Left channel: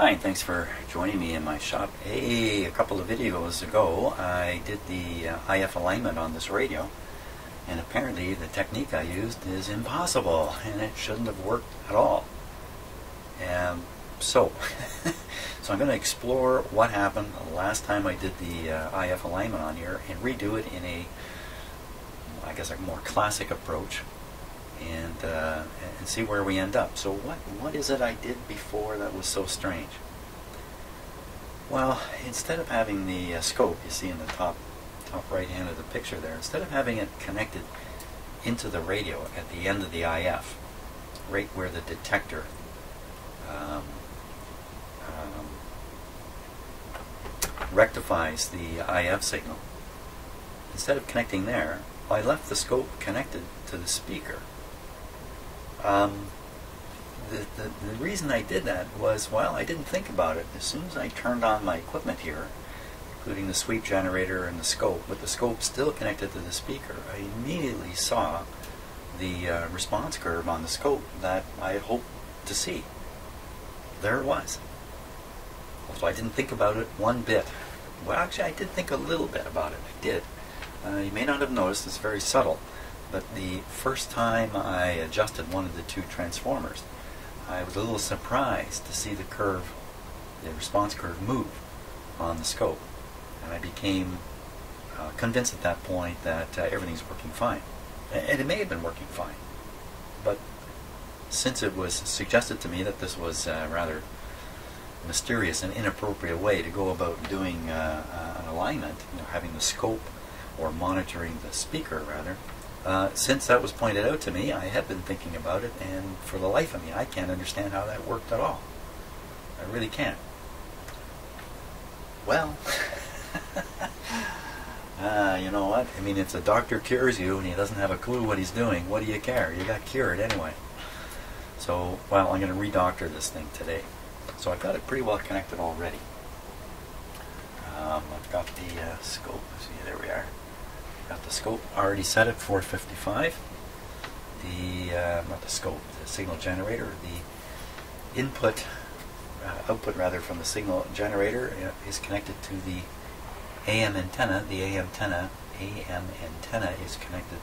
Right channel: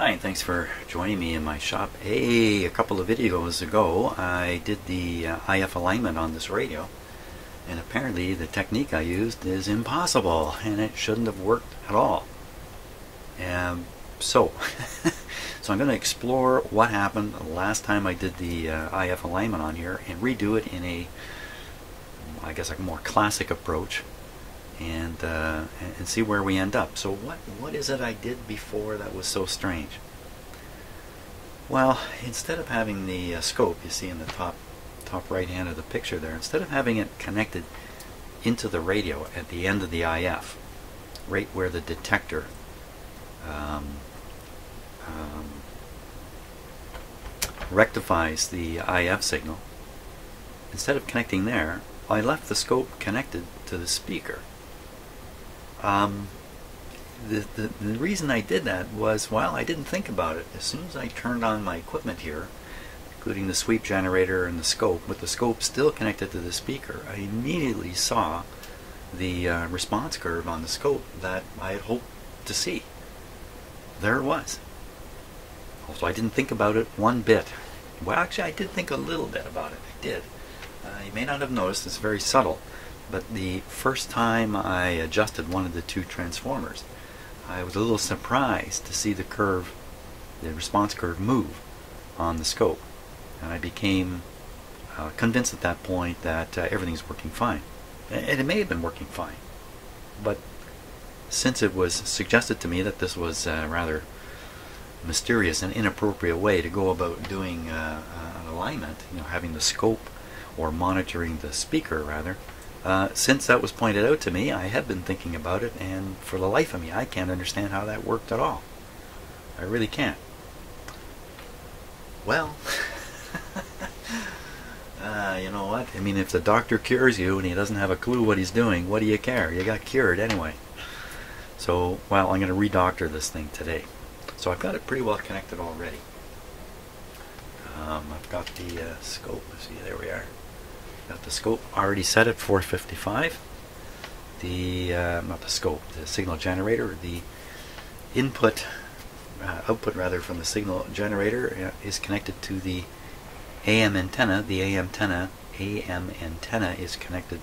Hi, and thanks for joining me in my shop. A couple of videos ago I did the IF alignment on this radio, and apparently the technique I used is impossible and it shouldn't have worked at all. So I'm going to explore what happened last time I did the IF alignment on here and redo it in a, I guess, a more classic approach, and see where we end up. So what is it I did before that was so strange? Well, instead of having the scope you see in the top right hand of the picture there, instead of having it connected into the radio at the end of the IF, right where the detector rectifies the IF signal, instead of connecting there, I left the scope connected to the speaker. The reason I did that was, well, I didn't think about it. As soon as I turned on my equipment here, including the sweep generator and the scope, with the scope still connected to the speaker, I immediately saw the response curve on the scope that I had hoped to see. There it was. So I didn't think about it one bit. Well, actually, I did think a little bit about it. I did. You may not have noticed, it's very subtle, but the first time I adjusted one of the two transformers, I was a little surprised to see the curve, the response curve, move on the scope, and I became convinced at that point that everything's working fine. And it may have been working fine, but since it was suggested to me that this was a rather mysterious and inappropriate way to go about doing an alignment, having the scope or monitoring the speaker rather, since that was pointed out to me, I have been thinking about it, and for the life of me, I can't understand how that worked at all. I really can't. Well, you know what? I mean, if the doctor cures you and he doesn't have a clue what he's doing, what do you care? You got cured anyway. So, well, I'm going to re-doctor this thing today. So I've got it pretty well connected already. I've got the scope. See, there we are. Got the scope already set at 455. Not the scope, the signal generator. The output rather from the signal generator is connected to the AM antenna. The AM antenna is connected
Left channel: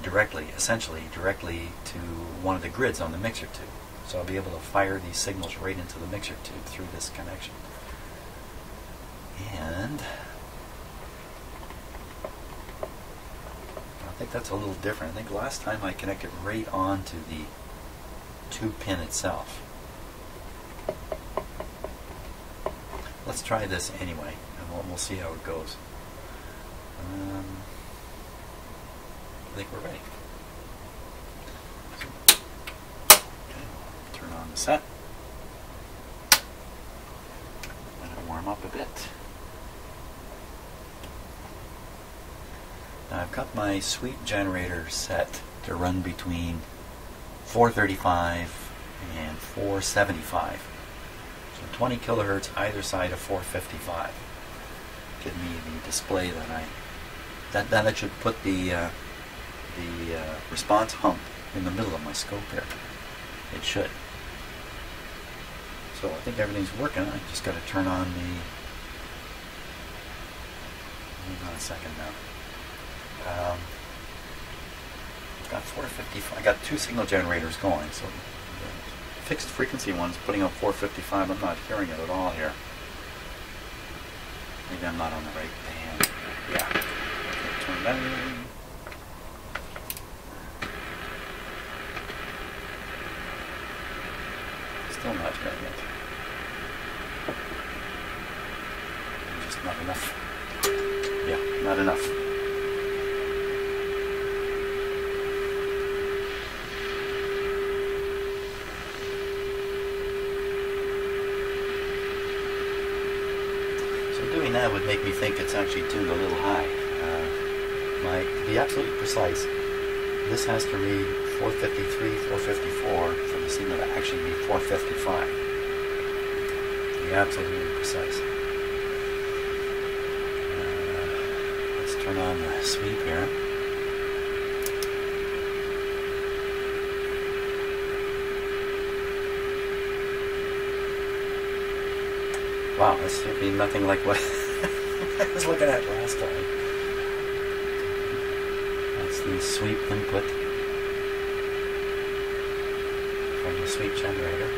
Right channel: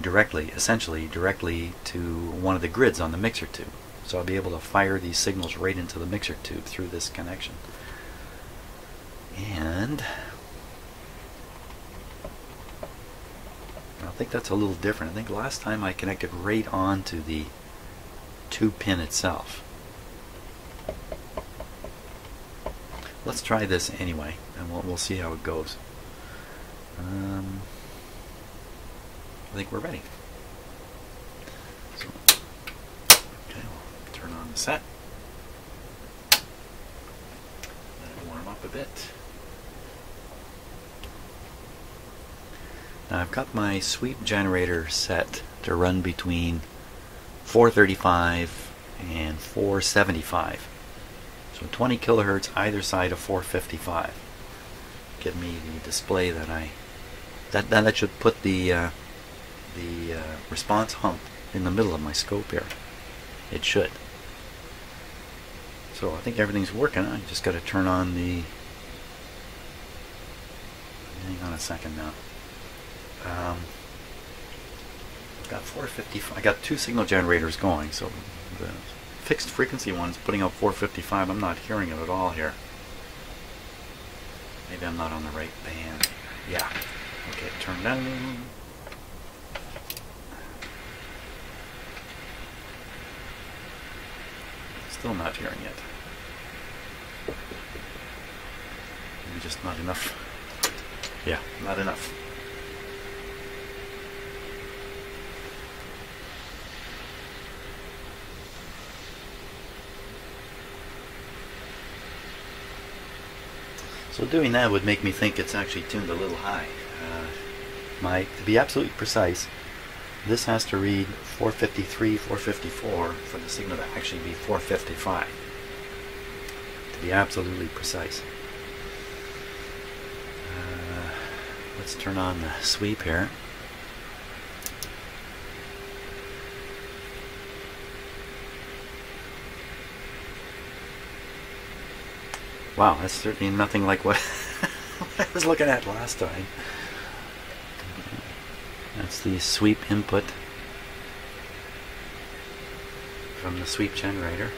directly, essentially directly to one of the grids on the mixer tube. So I'll be able to fire these signals right into the mixer tube through this connection. And I think that's a little different. I think last time I connected right onto the tube pin itself. Let's try this anyway, and we'll see how it goes. I think we're ready. So, okay, I'll turn on the set. Let it warm up a bit. Now I've got my sweep generator set to run between 435 and 475. So 20 kilohertz either side of 455. Give me the display that that should put the response hump in the middle of my scope here. It should. So I think everything's working. I just got to turn on the. Hang on a second now. I've got 455. I got two signal generators going, so the fixed frequency one's putting out 455. I'm not hearing it at all here. Maybe I'm not on the right band. Yeah. Okay, turn down. Still not hearing it. Just not enough. Yeah, not enough. So doing that would make me think it's actually tuned a little high. To be absolutely precise, this has to read 453, 454 for the signal to actually be 455. To be absolutely precise. Let's turn on the sweep here. Wow, that's certainly nothing like what I was looking at last time. That's the sweep input from the sweep generator.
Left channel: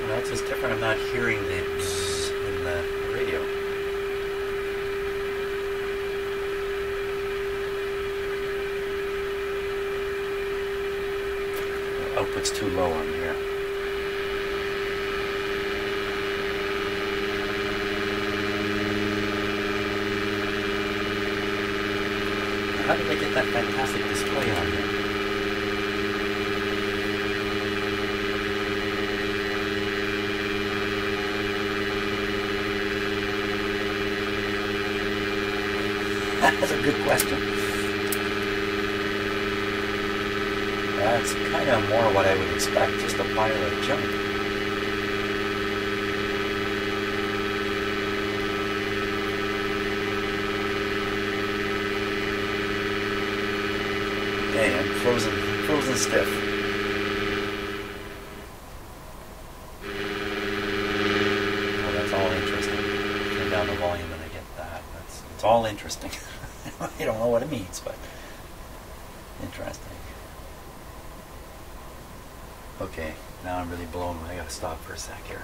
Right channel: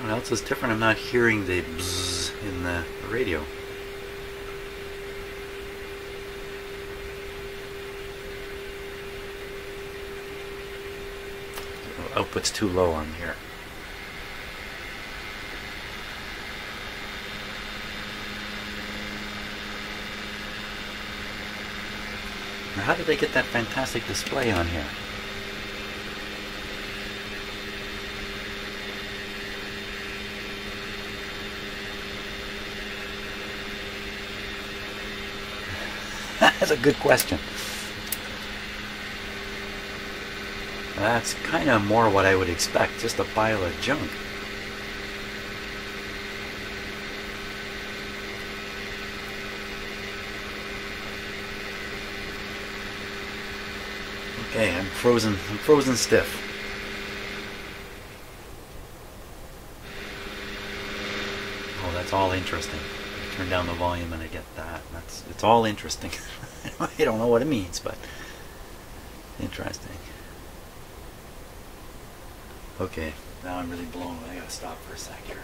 What else is different? I'm not hearing the bzzz in the radio. The output's too low on here. Now, how did they get that fantastic display on here? That's a good question. That's kind of more what I would expect, just a pile of junk. Okay, I'm frozen stiff. Oh, that's all interesting. Turn down the volume and I get that. It's all interesting. I don't know what it means, but interesting. Okay, now I'm really blown. I gotta stop for a sec here.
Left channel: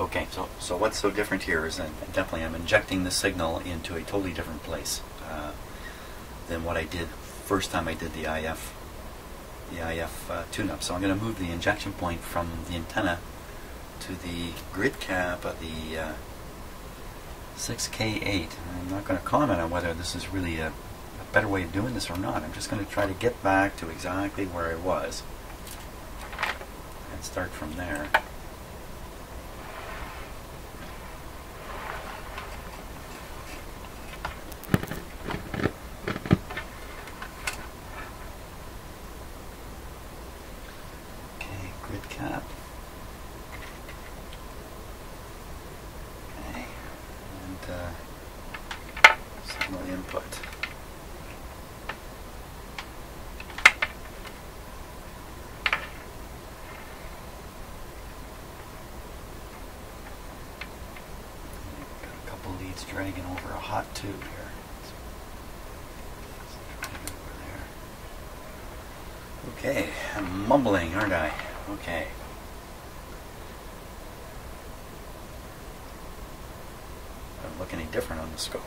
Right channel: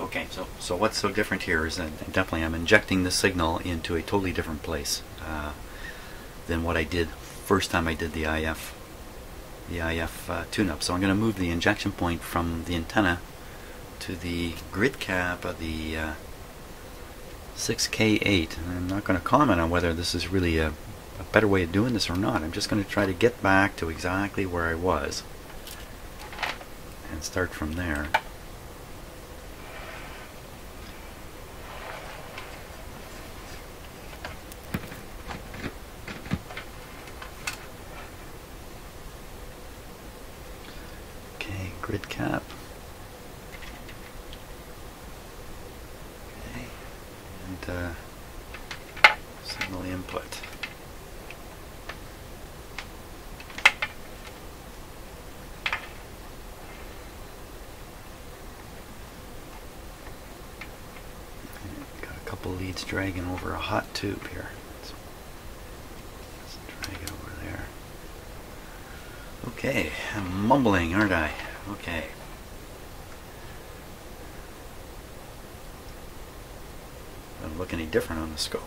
Okay, so what's so different here is that definitely I'm injecting the signal into a totally different place than what I did first time I did the IF tune-up. So I'm going to move the injection point from the antenna to the grid cap of the 6K8. I'm not going to comment on whether this is really a better way of doing this or not. I'm just going to try to get back to exactly where I was and start from there. Okay, grid cap. Okay, and signal input. Leads dragging over a hot tube here. Let's drag it over there. Okay, I'm mumbling, aren't I? Okay. Doesn't look any different on the scope.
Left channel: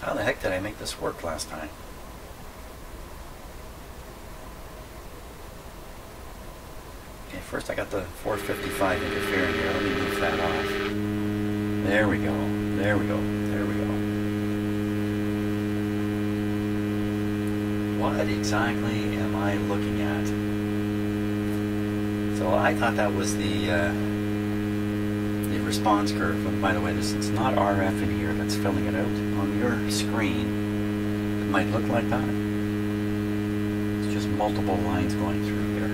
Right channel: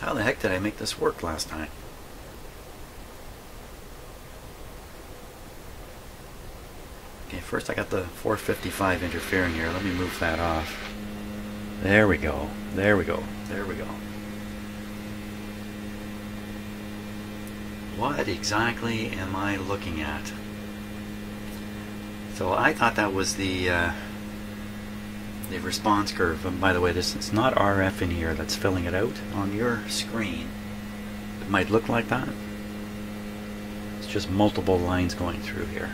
How the heck did I make this work last time? Okay, first I got the 455 interfering here. Let me move that off. There we go. There we go. There we go. What exactly am I looking at? So I thought that was the response curve. But by the way, it's not RF in here that's filling it out. On your screen, it might look like that. It's just multiple lines going through here.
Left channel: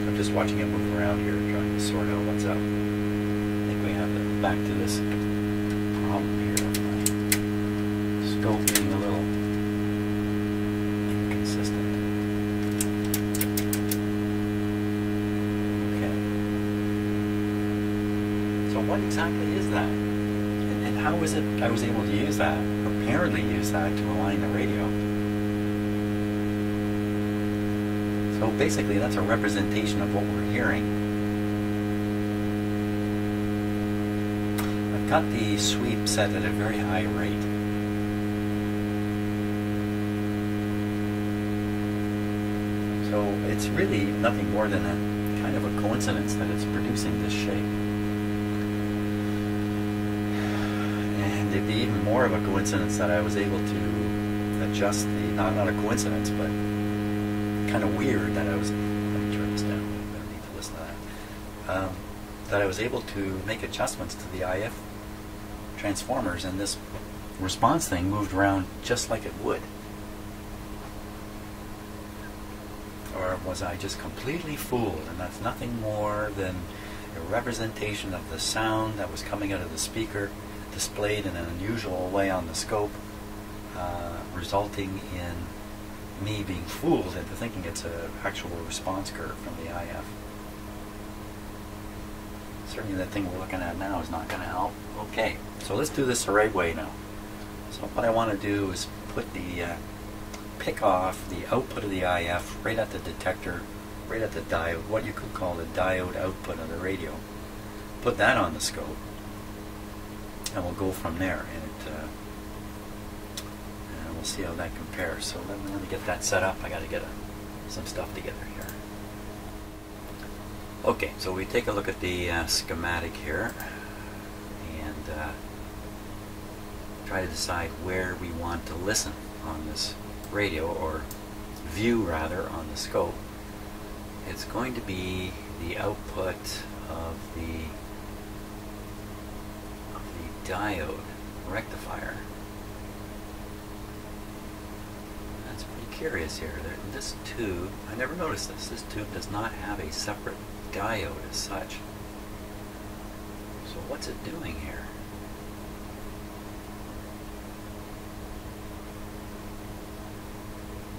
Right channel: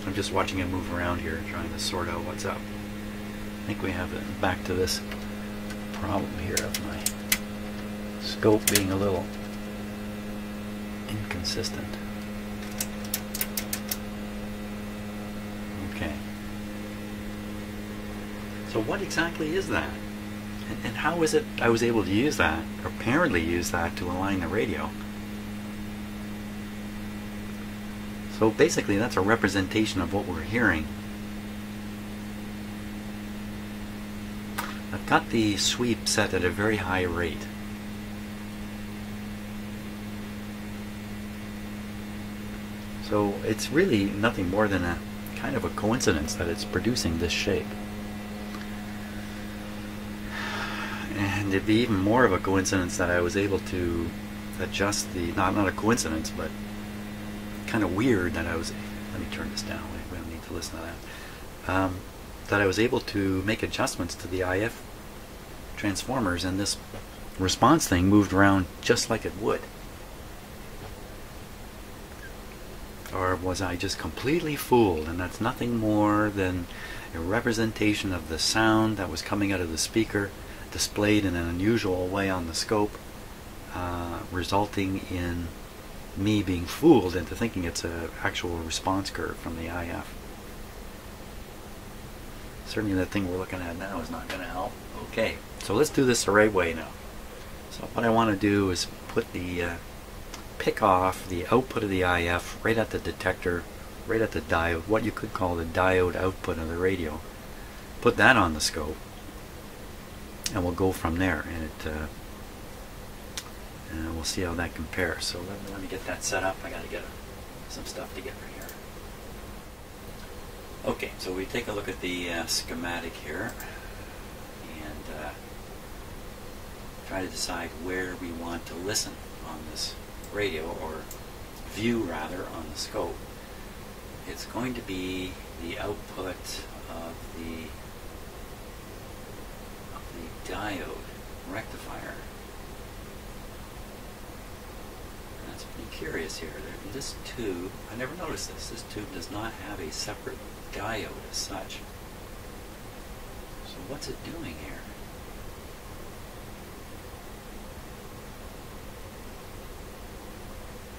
So I'm just watching it move around here, trying to sort out what's up. I think we have back to this problem here of my scope being a little inconsistent. Okay. So what exactly is that? And how is it I was able to use that, or apparently use that, to align the radio? So basically that's a representation of what we're hearing. I've got the sweep set at a very high rate. So it's really nothing more than a kind of a coincidence that it's producing this shape. find it be even more of a coincidence that I was able to adjust the, not a coincidence, but kind of weird that I was, let me turn this down, we don't need to listen to that, that I was able to make adjustments to the IF transformers, and this response thing moved around just like it would. Or was I just completely fooled, and that's nothing more than a representation of the sound that was coming out of the speaker displayed in an unusual way on the scope, resulting in me being fooled into thinking it's an actual response curve from the IF. Certainly that thing we're looking at now is not going to help. Okay, so let's do this the right way now. So what I want to do is put the pick off the output of the IF right at the detector, right at the diode, what you could call the diode output of the radio. Put that on the scope, and we'll go from there, and we'll see how that compares. So let me get that set up. I got to get some stuff together here. Okay, so we take a look at the schematic here, and try to decide where we want to listen on this radio, or view rather, on the scope. It's going to be the output of the diode rectifier. That's pretty curious here. This tube, I never noticed this. This tube does not have a separate diode as such. So what's it doing here?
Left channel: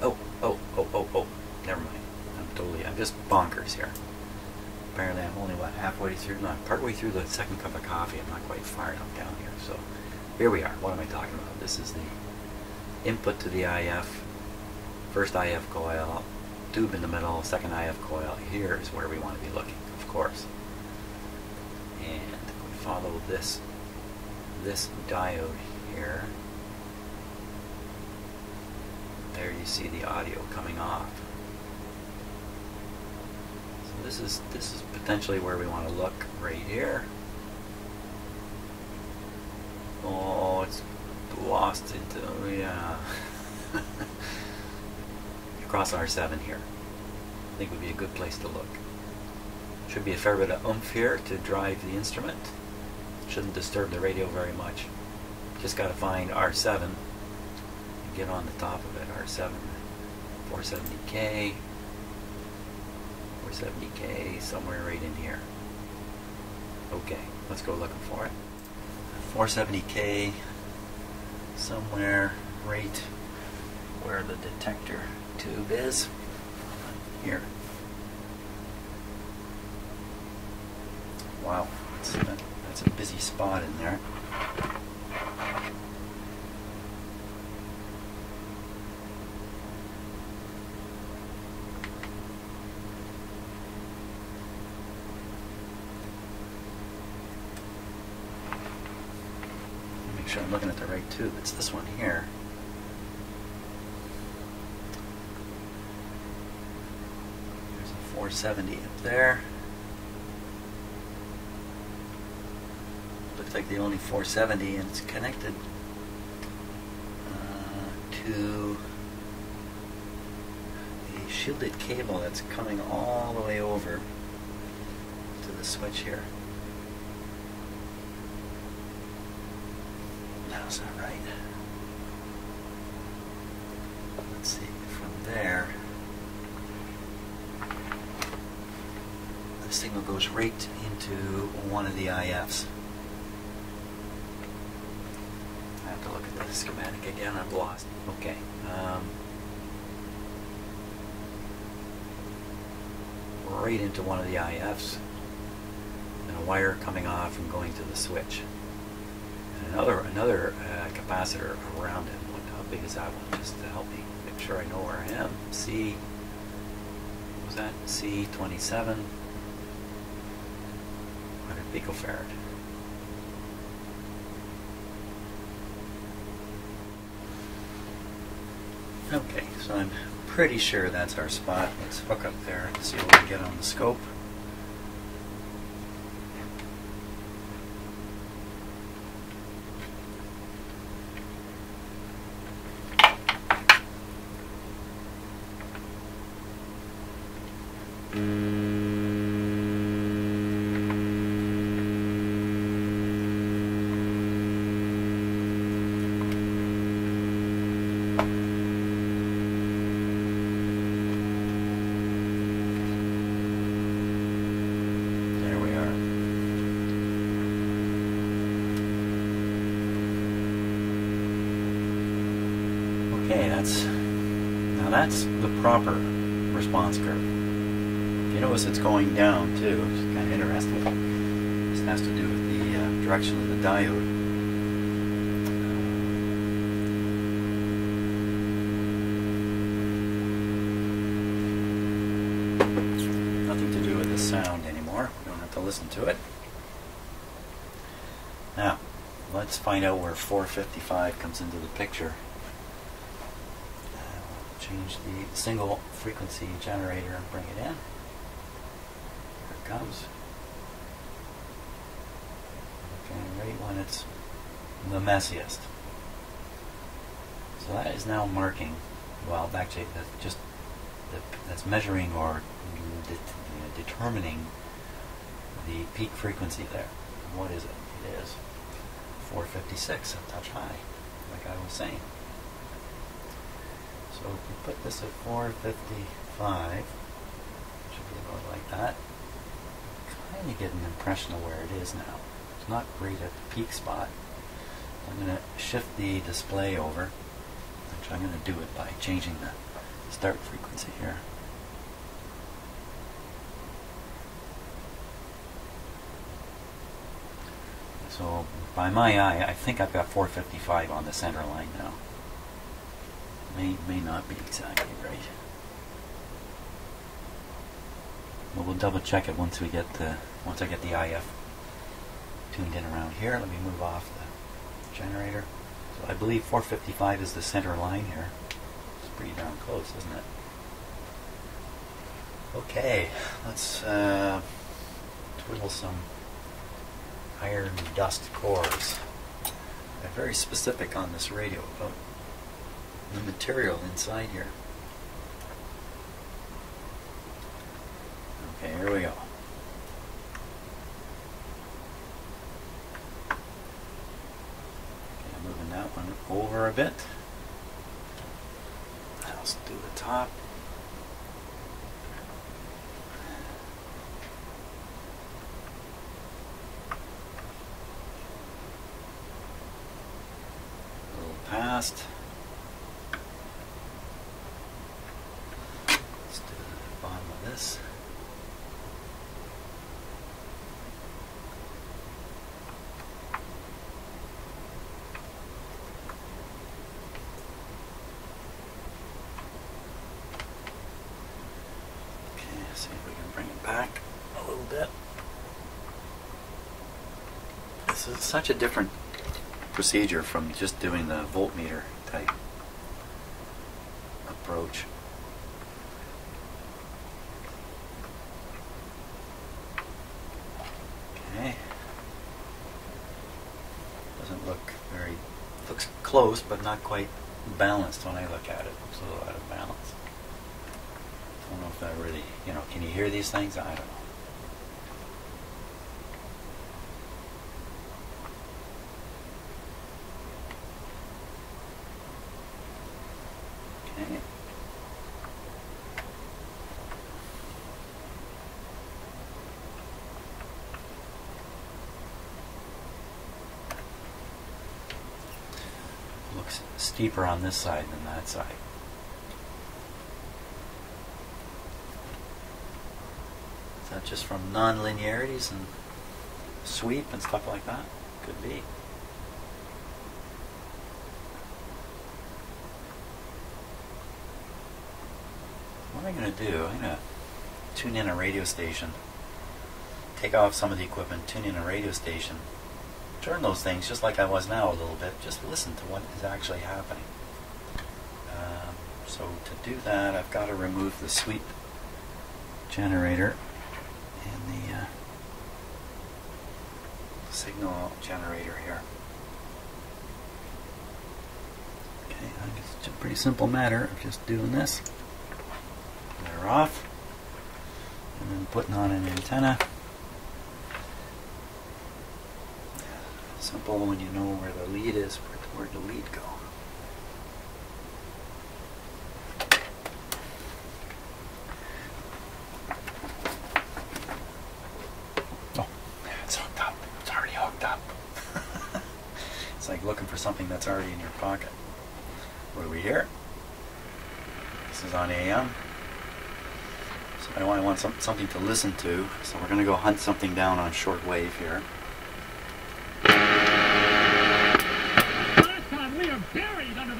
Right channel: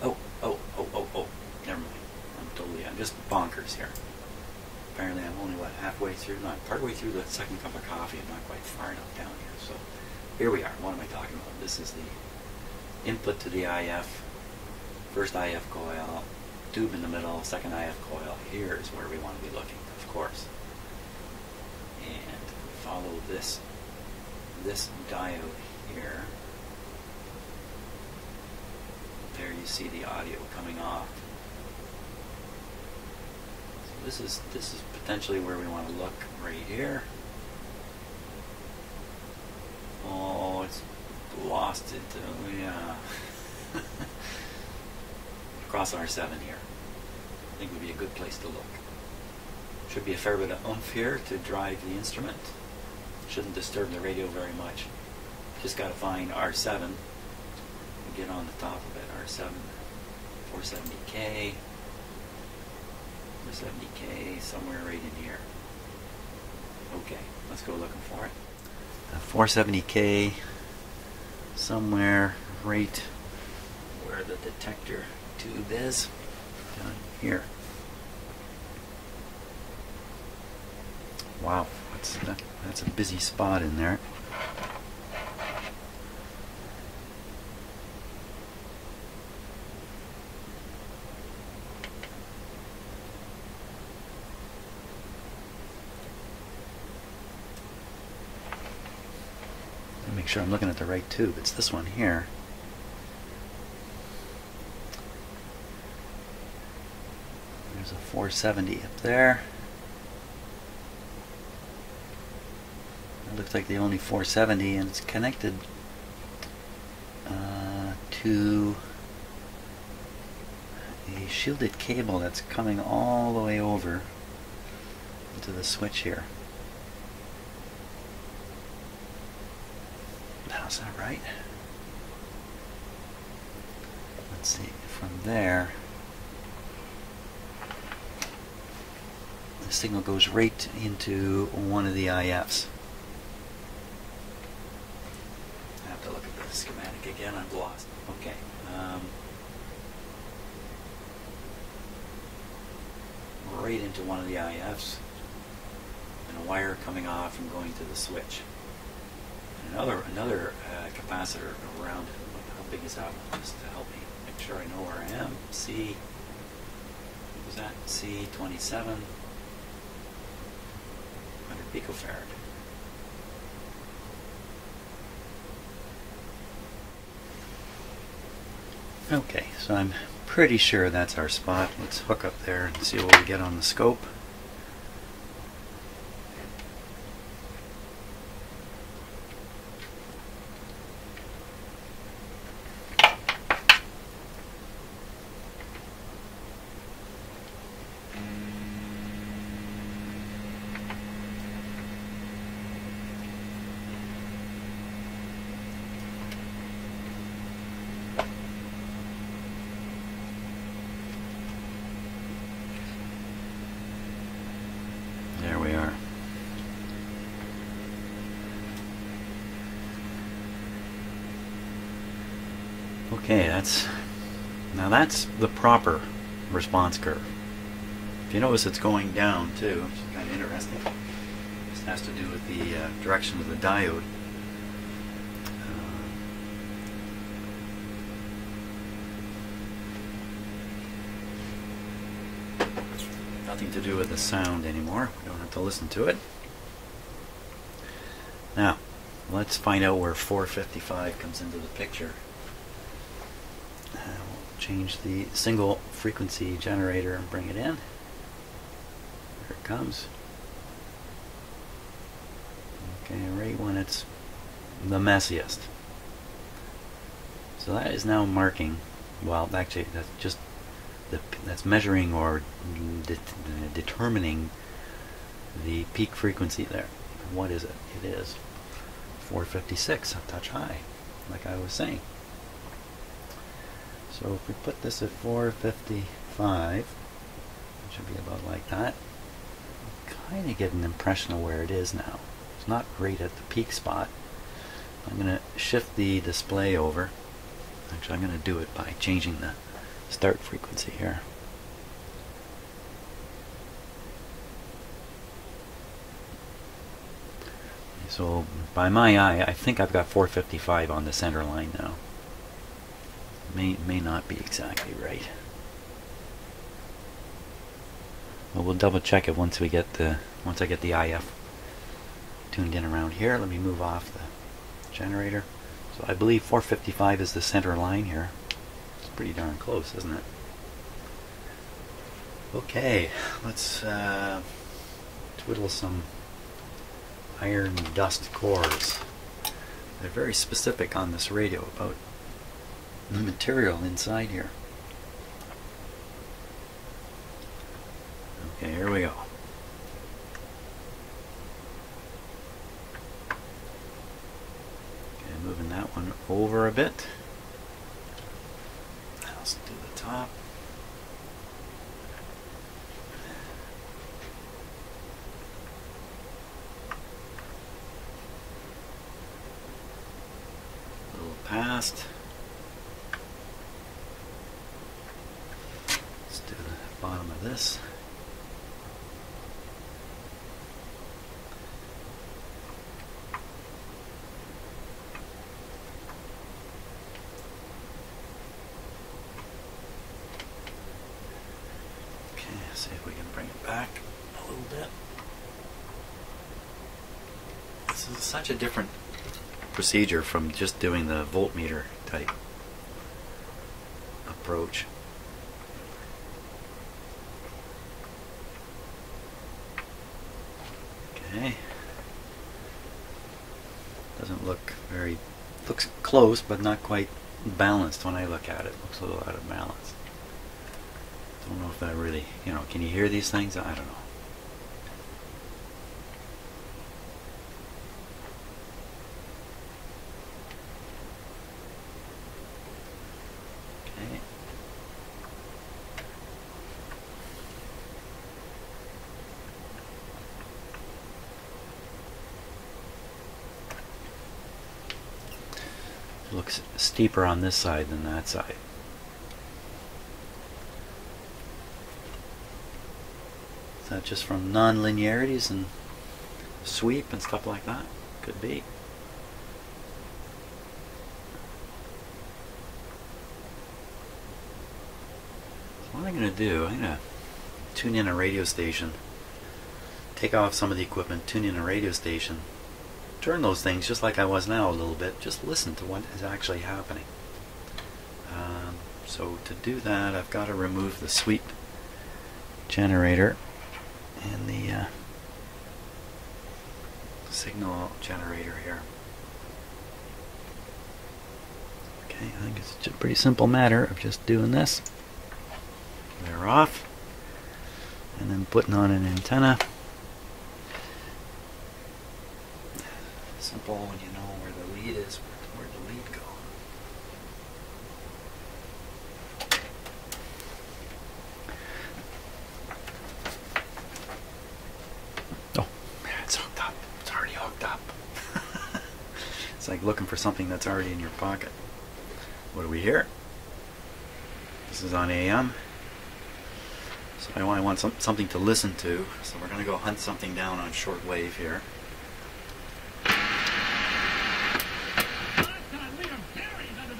Oh, never mind. I'm just bonkers here. Apparently I'm only, what, halfway through, no, I'm partway through the second cup of coffee. I'm not quite far enough down here. So here we are. What am I talking about? This is the input to the IF, first IF coil, tube in the middle, second IF coil. Here is where we want to be looking, of course. And we follow this diode here. There you see the audio coming off. So this is potentially where we want to look, right here. Oh, it's lost into, yeah. Across R7 here. I think would be a good place to look. Should be a fair bit of oomph here to drive the instrument. Shouldn't disturb the radio very much. Just got to find R7 and get on the top of it. R7, 470K, 470K, somewhere right in here. Okay, let's go looking for it. 470K, somewhere right where the detector tube is, here. Wow, that's a busy spot in there. Make sure I'm looking at the right tube. It's this one here. There's a 470 up there. It looks like the only 470, and it's connected to a shielded cable that's coming all the way over to the switch here. Is that right? Let's see, from there the signal goes right into one of the IFs. I have to look at the schematic again, I'm lost. Okay. Right into one of the IFs, and a wire coming off and going to the switch. Another capacitor around it. How big is that one? Just to help me make sure I know where I am. Was that C27? 100 picofarad. Okay, so I'm pretty sure that's our spot. Let's hook up there and see what we get on the scope. Okay, now that's the proper response curve. If you notice it's going down too, which is kind of interesting. This has to do with the direction of the diode. Nothing to do with the sound anymore. We don't have to listen to it. Now, let's find out where 455 comes into the picture. We'll change the single frequency generator and bring it in. Here it comes. Okay, right when it's the messiest. So that is now marking, well, actually that's just that's measuring or determining the peak frequency there. And what is it? It is 456, a touch high, like I was saying. So if we put this at 455, it should be about like that. Kind of get an impression of where it is now. It's not great at the peak spot. I'm going to shift the display over. Actually, I'm going to do it by changing the start frequency here. So by my eye, I think I've got 455 on the center line now. May not be exactly right. But we'll double check it once I get the IF tuned in around here. Let me move off the generator. So I believe 455 is the center line here. It's pretty darn close, isn't it? Okay, let's twiddle some iron dust cores. They're very specific on this radio about the material inside here. Okay, here we go. Okay, moving that one over a bit. Let's do the top. A little past. Let's do the bottom of this. See if we can bring it back a little bit. This is such a different procedure from just doing the voltmeter type approach. Okay. Doesn't look very, looks close but not quite balanced when I look at it. Looks a little out of balance. I don't know if that really, can you hear these things? I don't know. Okay. Looks steeper on this side than that side. Is that just from non-linearities and sweep and stuff like that? Could be. So what I'm going to do, I'm going to tune in a radio station, take off some of the equipment, tune in a radio station, turn those things just like I was now a little bit, just listen to what is actually happening. So to do that, I've got to remove the sweep generator and the signal generator here. Okay, I think it's a pretty simple matter of just doing this. They're off, and then putting on an antenna. Simple when you know where the lead is. Where'd the lead go? It's like looking for something that's already in your pocket. What do we hear? This is on AM. So I want something to listen to. So we're going to go hunt something down on shortwave here.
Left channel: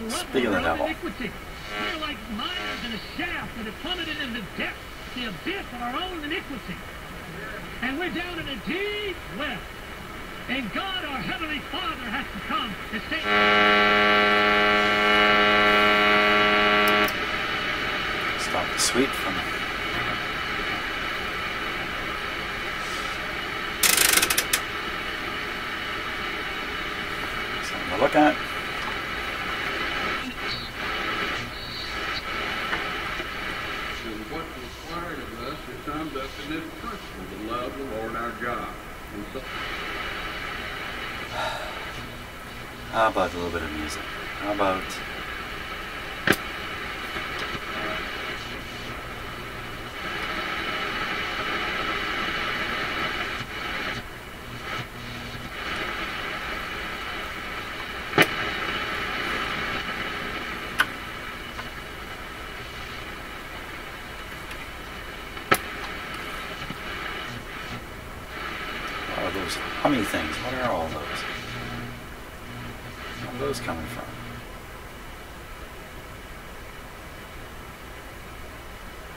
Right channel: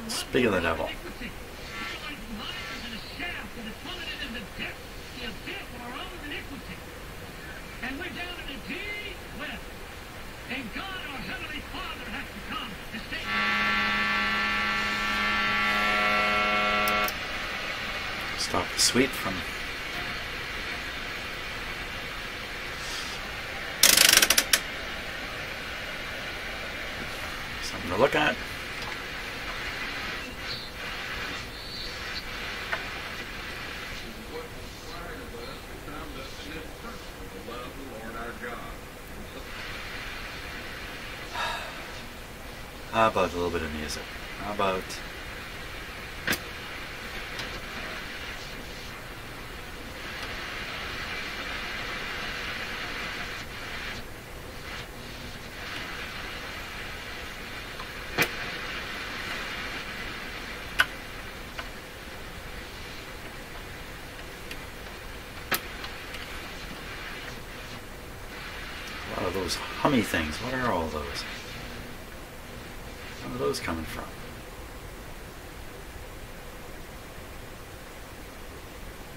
Speak of the devil. The abyss of our own iniquity. And we're down in a deep well. And God, our Heavenly Father, has to come and say, stop the sweep from something to look at. How about a little bit of music? How about what are those hummy things? What are all those? Where are those coming from?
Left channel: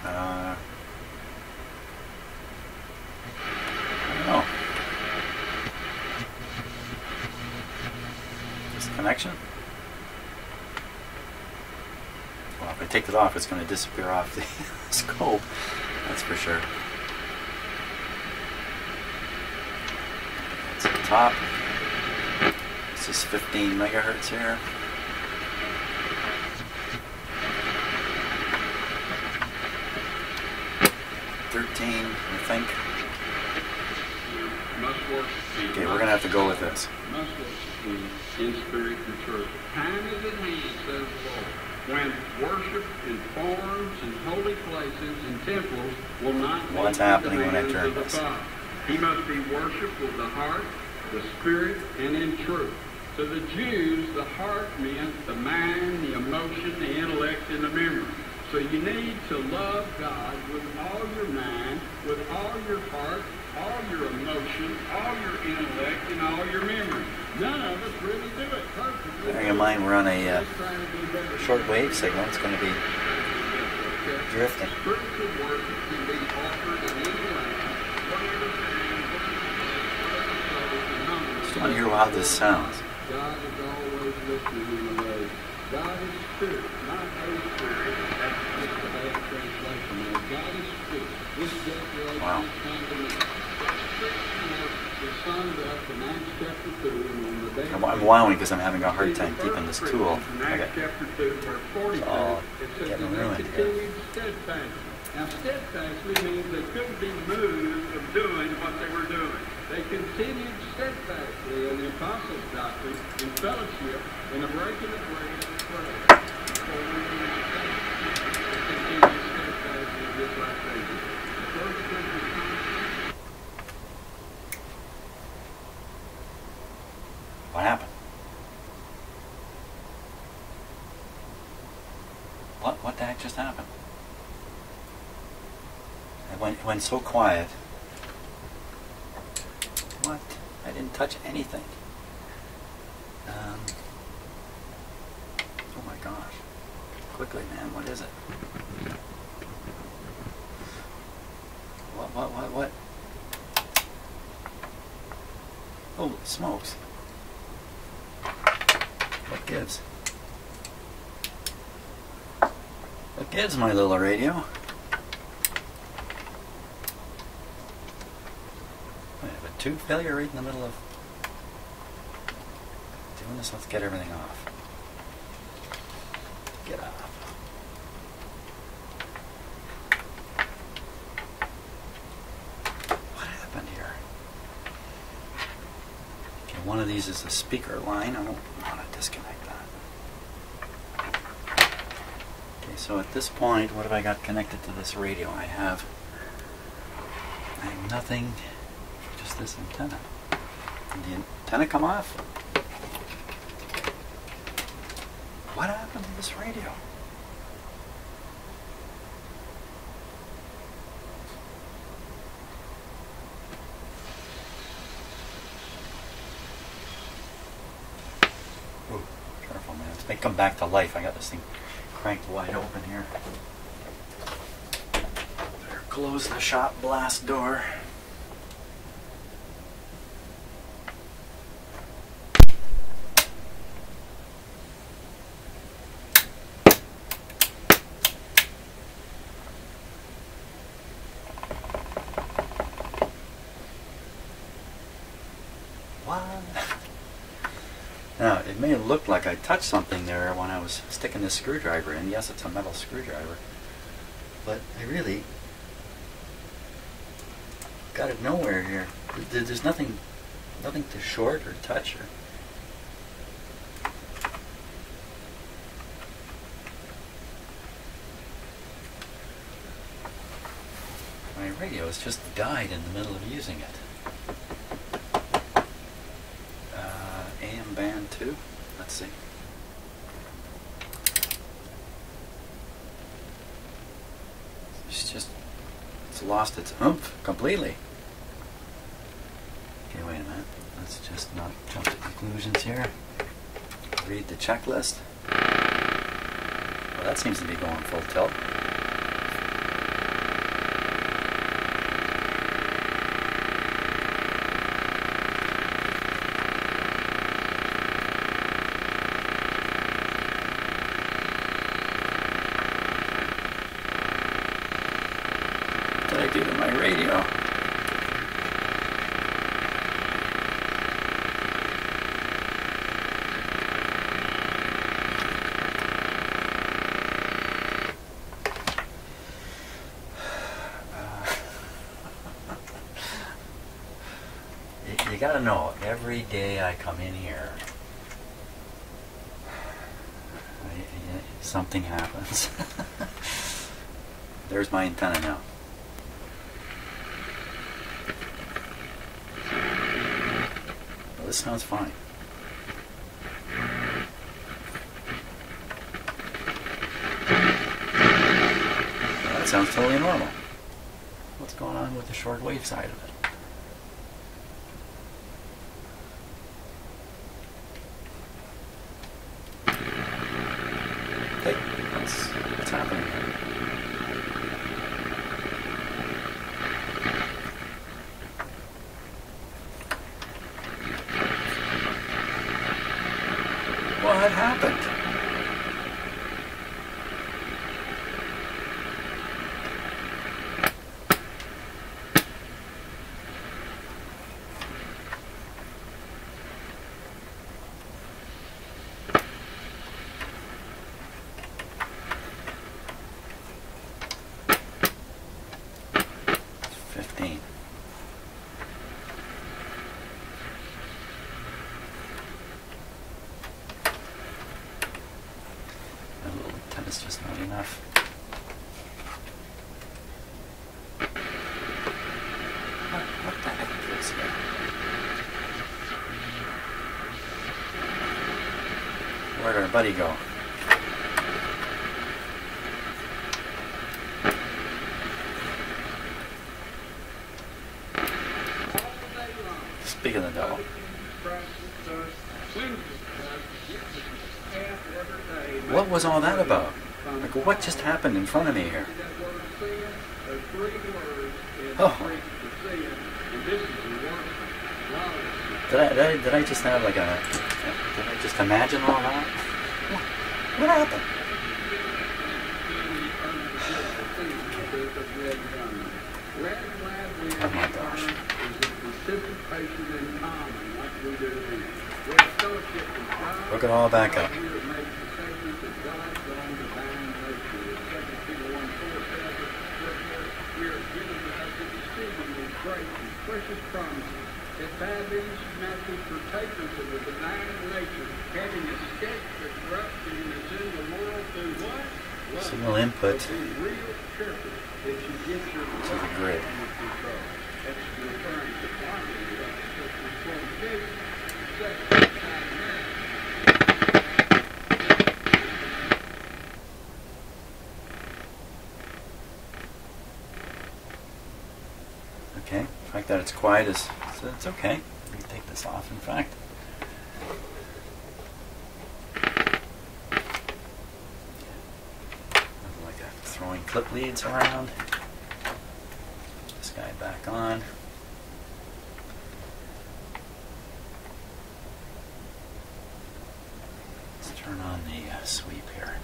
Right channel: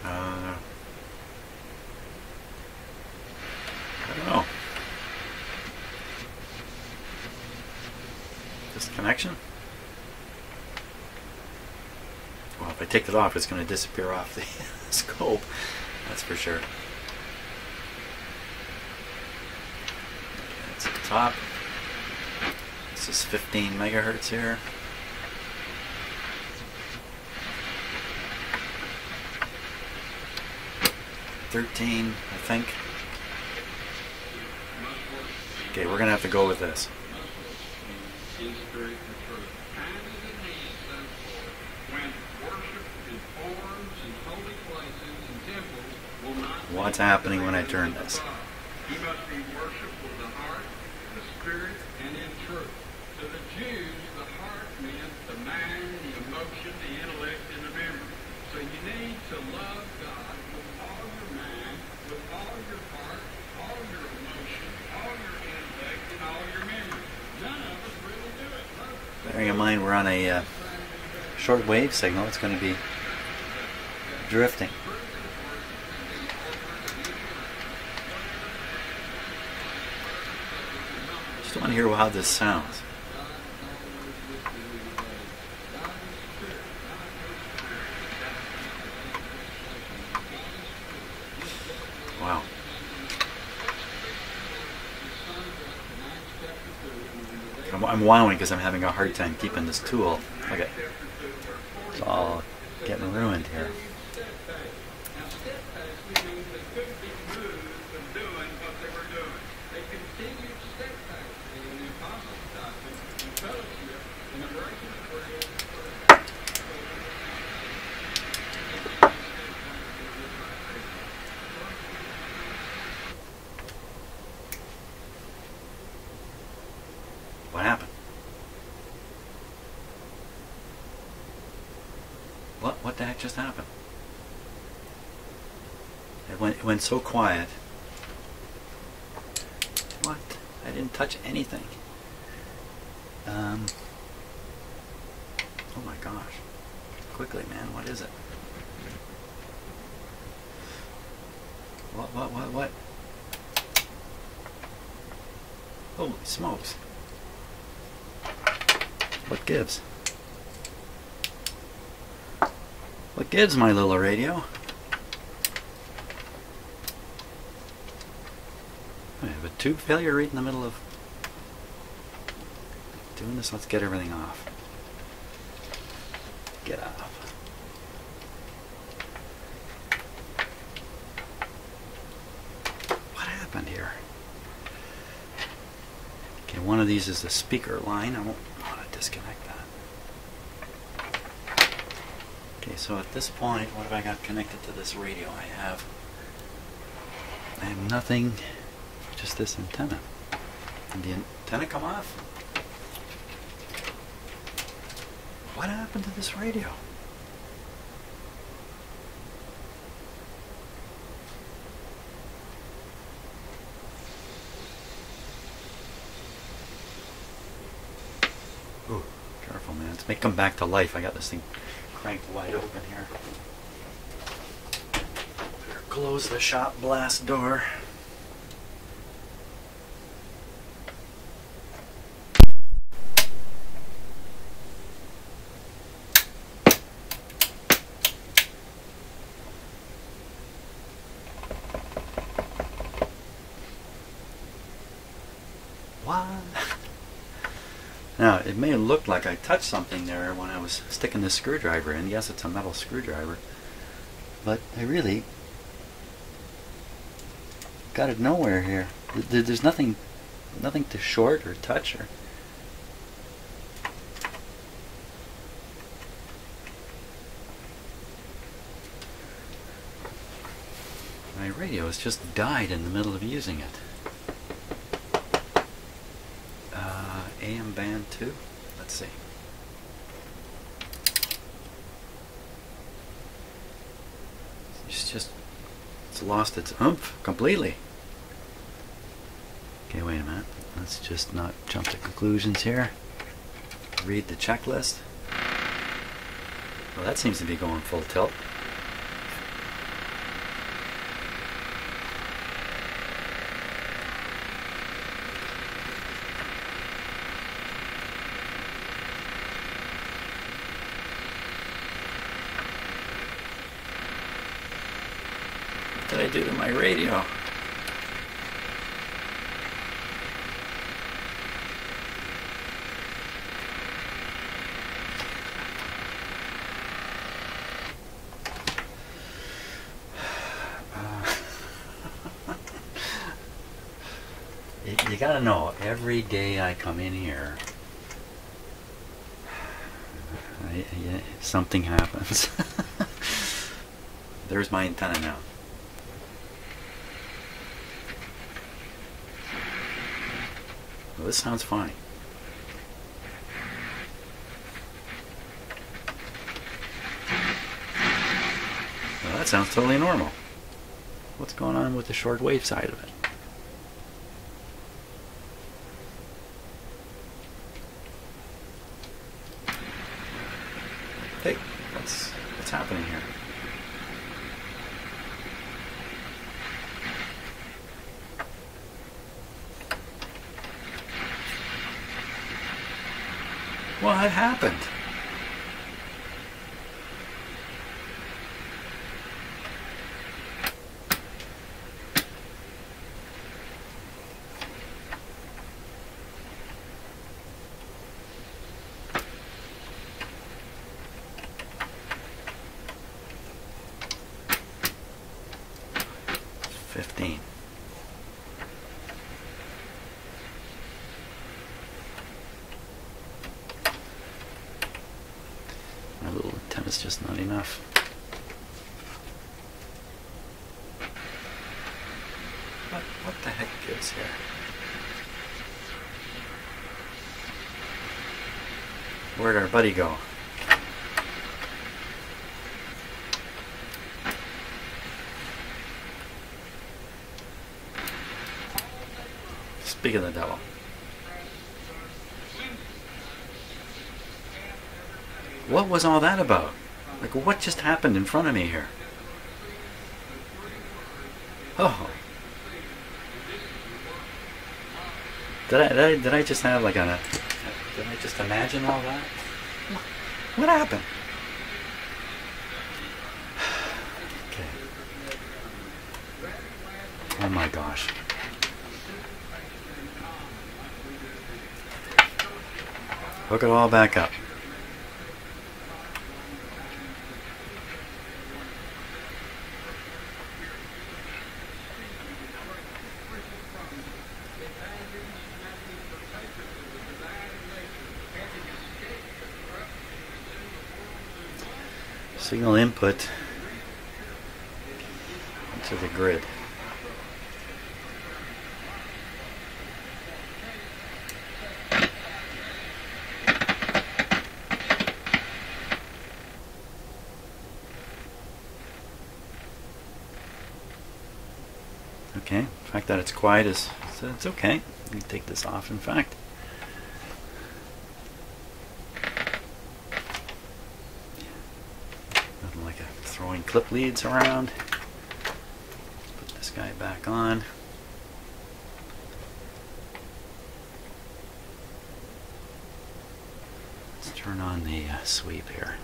I don't know. Disconnection? Well, if I take it off, it's going to disappear off the scope. That's for sure. That's at the top. This is 15 megahertz here. $13, I think. Okay, we're gonna have to go with this. In spirit and truth. Time is at hand, says the Lord, when worship in forms and holy places and temples will not. What's happening when I turn this? He must be worshipped with the heart, the spirit, and in truth. To the Jews, the heart meant the mind, the emotion, the intellect, and the memory. So you need to love God with all your mind, with all your heart, all your emotion, all your intellect, and all your memory. None of us really do it perfectly. Bearing in mind we're on a short wave signal, it's going to be drifting. Just want to hear how this sounds. God is always listening in the way. God is spirit, not a spirit. That's the bad translation. God is spirit. This declaration Wow. is summed up in Acts chapter 2. I'm wowing because I'm having a hard time keeping this tool. Okay. It's all getting ruined here. Now, steadfastly means they couldn't be moved of doing what they were doing. They continued steadfastly in the apostles' doctrine, in fellowship, in the breaking of bread and prayer. What happened? What the heck just happened? It went so quiet. What? I didn't touch anything. Oh my gosh. Quickly, man, what is it? What? Holy smokes. What gives? What gives, my little radio? I have a tube failure right in the middle of doing this. Let's get everything off. Get off. What happened here? Okay, one of these is the speaker line. I don't want to disconnect that. Okay, so at this point, what have I got connected to this radio? I have nothing, just this antenna. Did the antenna come off? What happened to this radio? Ooh, careful, man. This may come back to life. I got this thing cranked wide open here. Better close the shop blast door. Now, it may look like I touched something there when I was sticking this screwdriver in. Yes, it's a metal screwdriver. But I really got it nowhere here. There's nothing to short or touch or... My radio has just died in the middle of using it. AM band 2. Let's see. It's lost its oomph completely. Okay, wait a minute. Let's just not jump to conclusions here. Read the checklist. Well, that seems to be going full tilt. What did I do to my radio? You gotta know, every day I come in here, something happens. There's my antenna now. Well, this sounds fine. Well, that sounds totally normal. What's going on with the shortwave side of it? Hey, what's happening here? What happened? My little antenna's just not enough. What the heck is that? Where'd our buddy go? Speak of the devil. What was all that about? Like, what just happened in front of me here? Oh. Did I just have like did I just imagine all that? What happened? Oh my gosh. Hook it all back up. Signal input to the grid. gets quiet is it's okay. You take this off, in fact. Nothing like throwing clip leads around. Put this guy back on. Let's turn on the sweep here.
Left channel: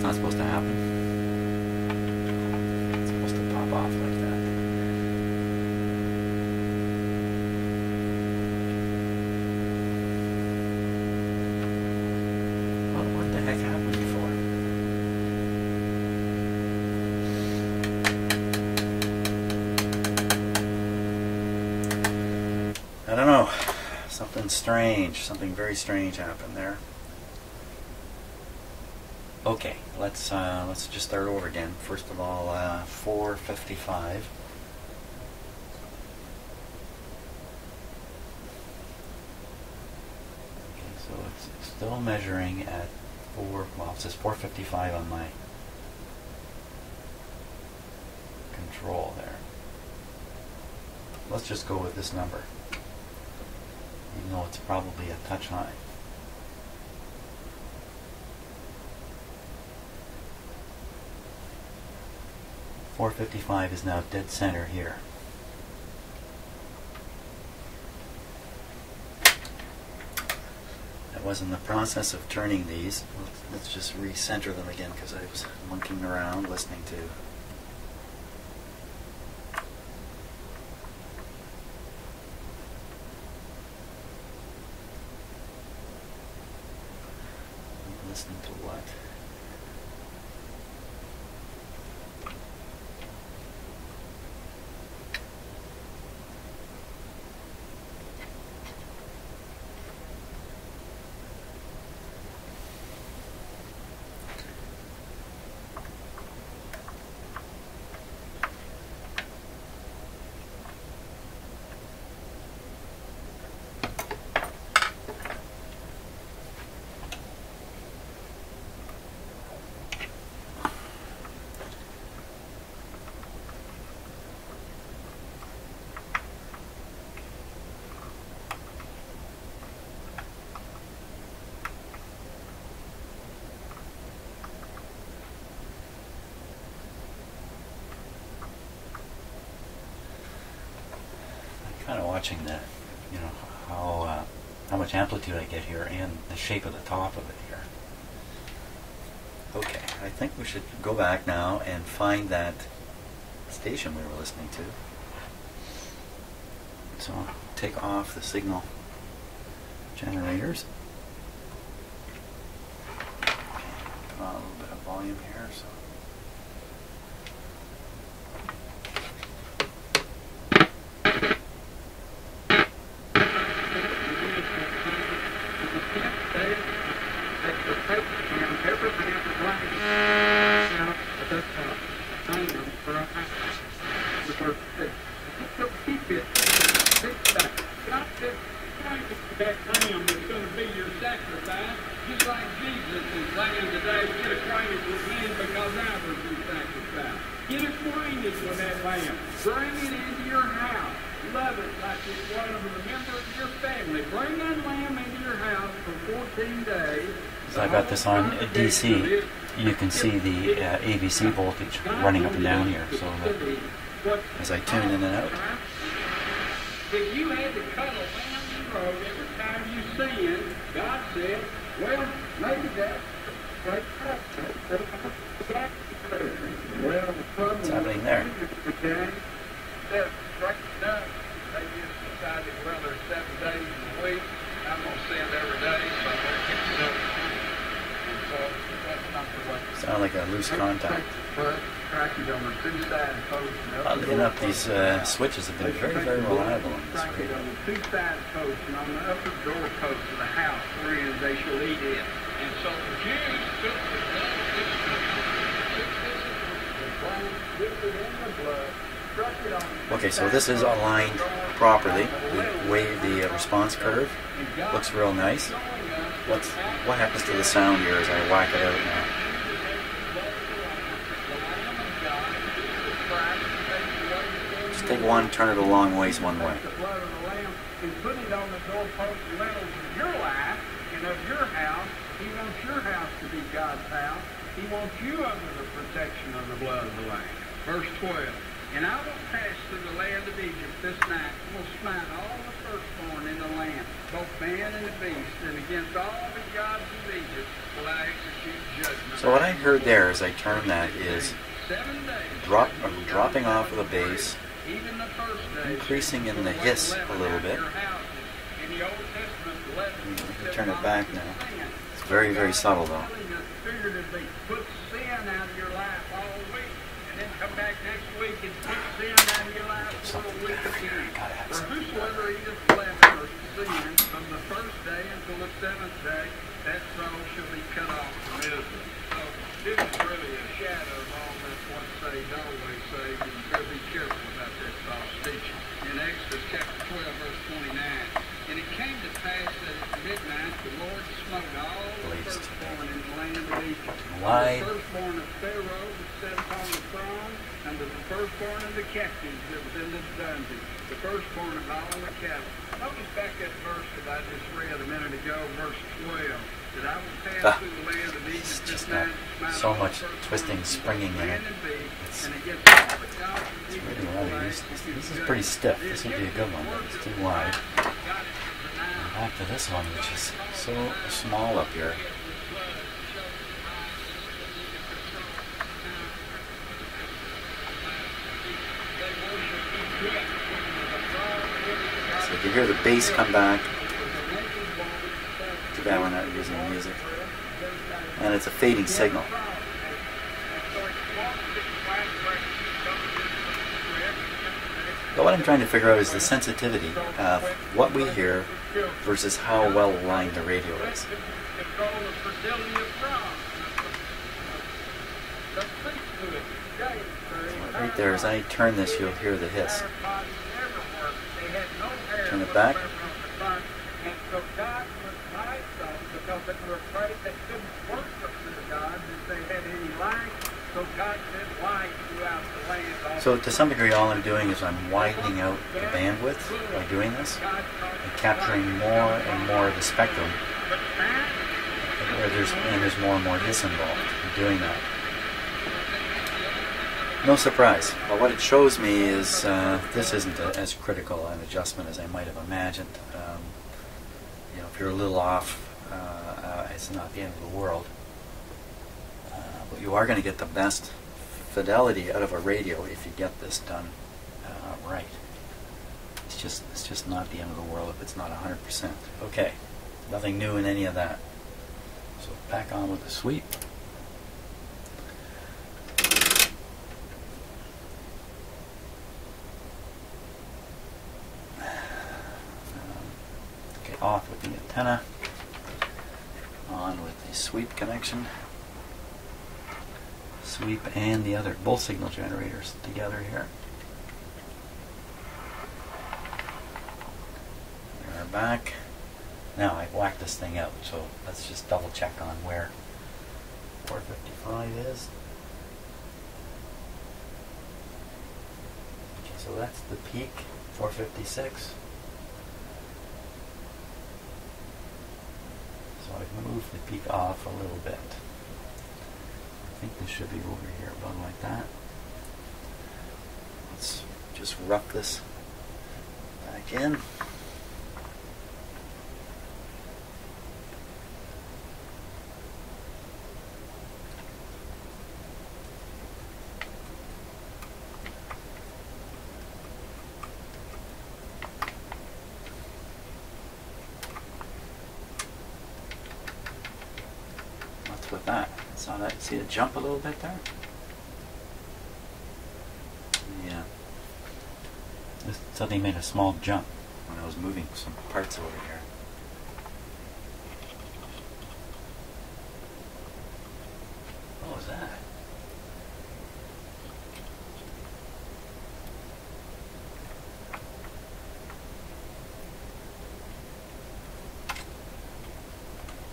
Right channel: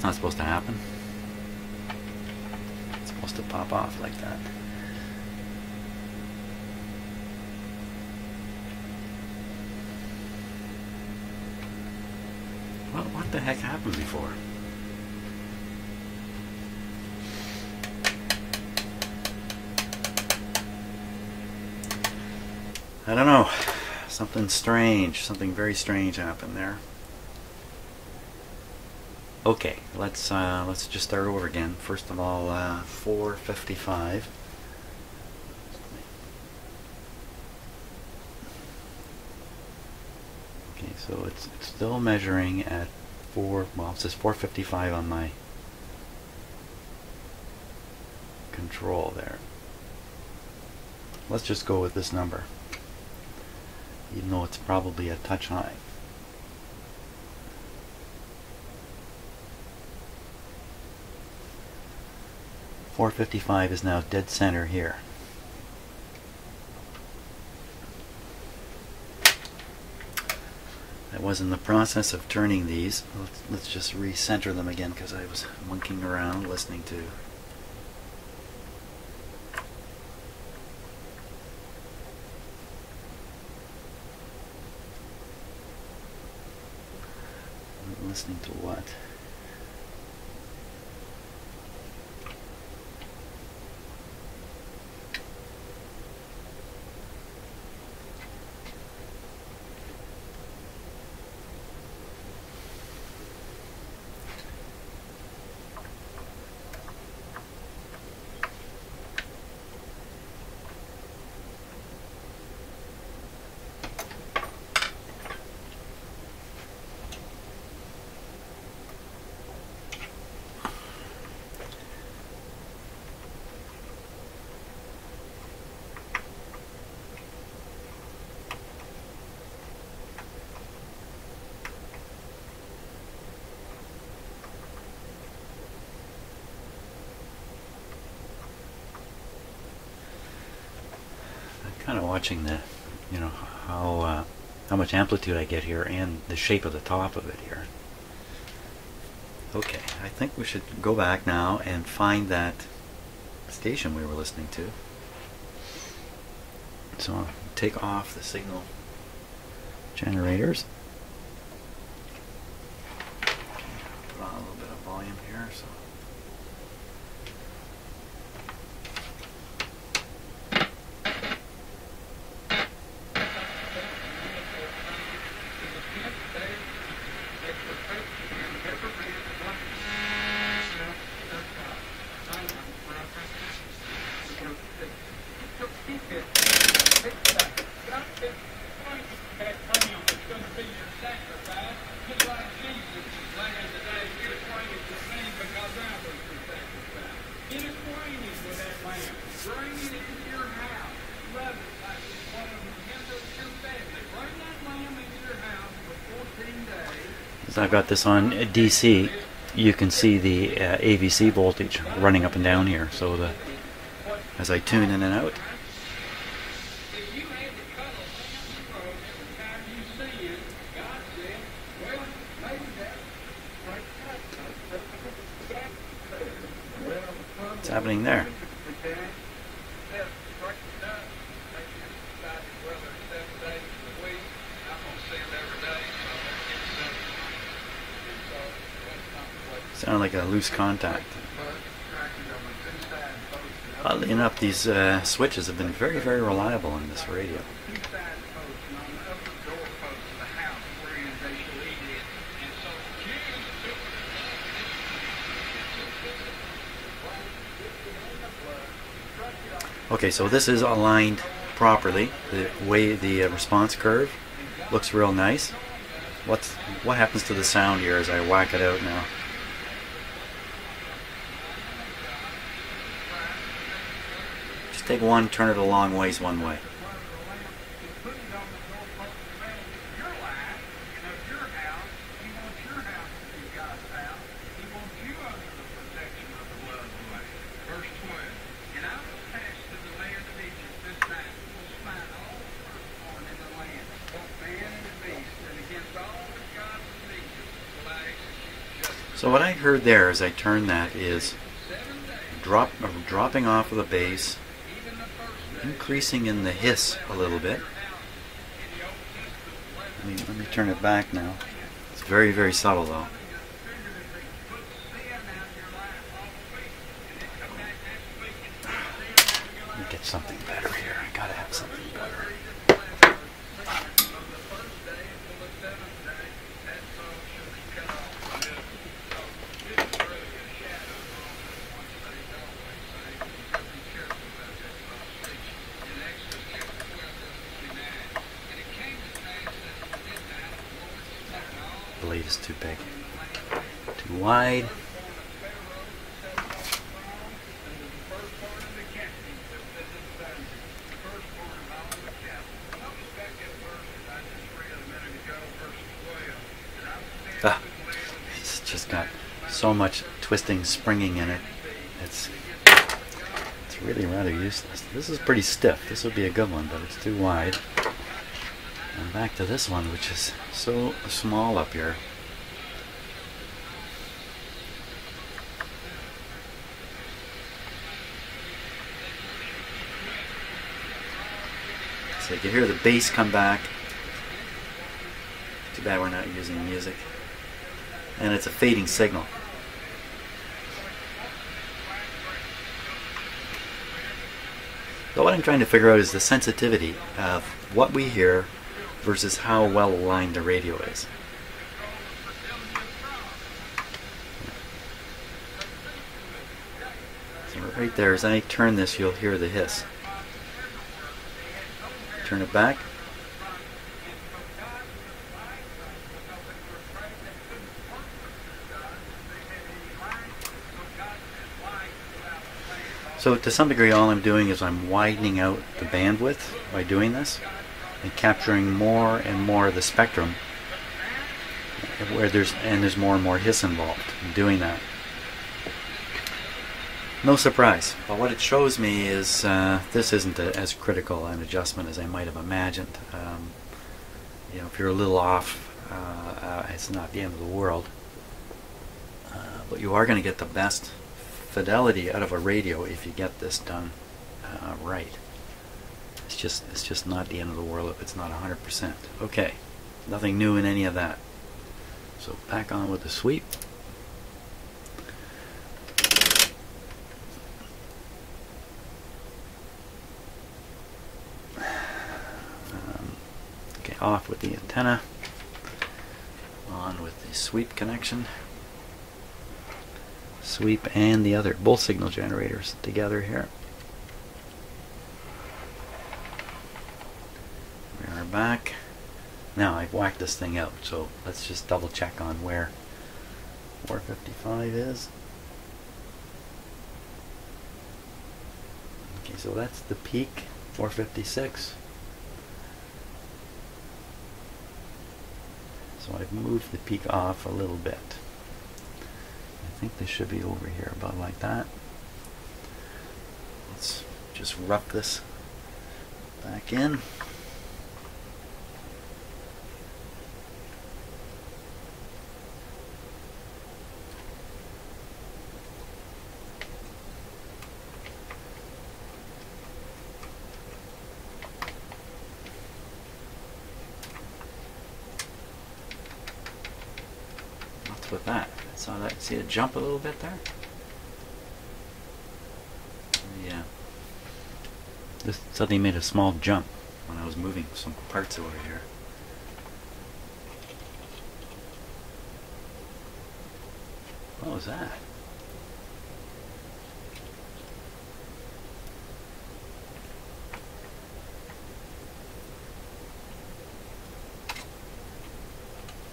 Not supposed to happen. It's supposed to pop off like that. Well, what the heck happened before? I don't know. Something strange, something very strange happened there. Okay, let's just start over again. First of all, 455. Okay, so it's still measuring at well, it says 455 on my control there. Let's just go with this number, even though it's probably a touch high. .455 is now dead center here. I was in the process of turning these. Let's just recenter them again because I was monkeying around listening to what? Kind of watching the, how much amplitude I get here and the shape of the top of it here. Okay, I think we should go back now and find that station we were listening to. So I'll take off the signal generators. Put on a little bit of volume here. So. I've got this on DC. You can see the AVC voltage running up and down here. So as I tune in and out. If you had to cut a lamb's throat every time you sin, God said, well, maybe that's what's happening there? They just decided, well, there's 7 days in a week. I'm going to send every day. Sound like a loose contact. Oddly enough, these switches have been very, very reliable on this radio. Two side posts and on the upper door post of the house wherein they shall eat it. And so the Jews took the blood, dipped it in the blood, struck it on. Okay, so this is aligned properly. The way the response curve looks real nice. What happens to the sound here as I whack it out now? Just take one, turn it a long ways one way. And put it on the doorpost of your life and of your house. He wants your house to be God's house. He wants you under the protection of the blood of the Lamb. Verse 12. And I will pass through the land of Egypt this night, and will smite all the firstborn in the land, both man and the beast, and against all the gods of Egypt will I execute judgment. So what I heard there as I turned that is dropping off of the bass, increasing in the hiss a little bit. Let me turn it back now. It's very, very subtle though. Get something better here. I gotta have something better. Blade is too big. Too wide. Firstborn of the captives that was in this dungeon, the firstborn of all the cattle. Notice back that verse that I just read a minute ago, verse 12, that I will pass through the land of Egypt. It's just got so much twisting, springing in it. It's really rather useless. This is pretty stiff. This would be a good one, but it's too wide. And back to this one, which is so small up here. So you can hear the bass come back. Too bad we're not using music. And it's a fading signal. But what I'm trying to figure out is the sensitivity of what we hear versus how well aligned the radio is. So right there, as I turn this, you'll hear the hiss. Turn it back. So to some degree all I'm doing is I'm widening out the bandwidth by doing this and capturing more and more of the spectrum where there's more and more hiss involved in doing that. No surprise. But what it shows me is this isn't as critical an adjustment as I might have imagined. You know, if you're a little off, it's not the end of the world. But you are going to get the best fidelity out of a radio if you get this done right. It's just not the end of the world if it's not 100%. Okay, nothing new in any of that. So back on with the sweep. Off with the antenna, on with the sweep connection, sweep and the other, both signal generators together here. We are back. Now I've whacked this thing out, so let's just double check on where 455 is. Okay, so that's the peak, 456. So I've moved the peak off a little bit. I think this should be over here about like that. Let's just rough this back in. What's with that? Saw that? See it jump a little bit there? Yeah. This suddenly made a small jump when I was moving some parts over here. What was that?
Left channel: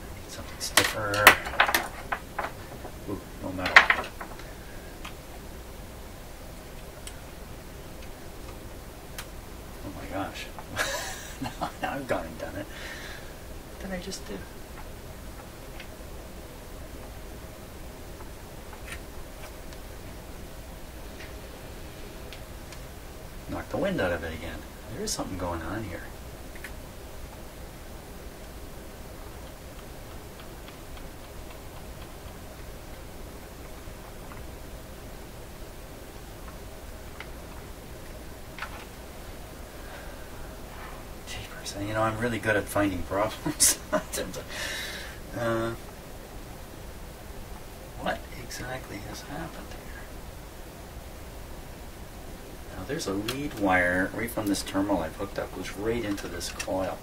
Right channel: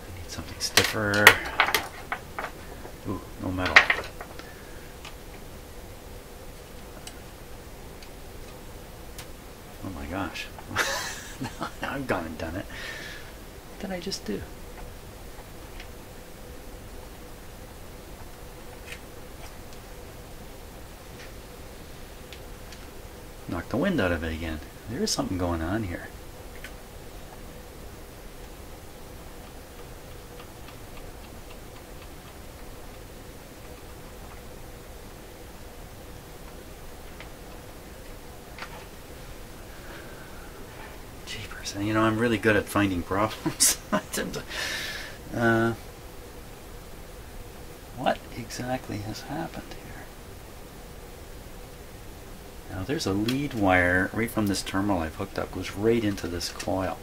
I need something stiffer. Ooh, no metal. Oh my gosh. Now I've gone and done it. What did I just do? Knocked the wind out of it again. There is something going on here. Jeepers. And you know, I'm really good at finding problems. What exactly has happened here? Now there's a lead wire right from this terminal I've hooked up, goes right into this coil.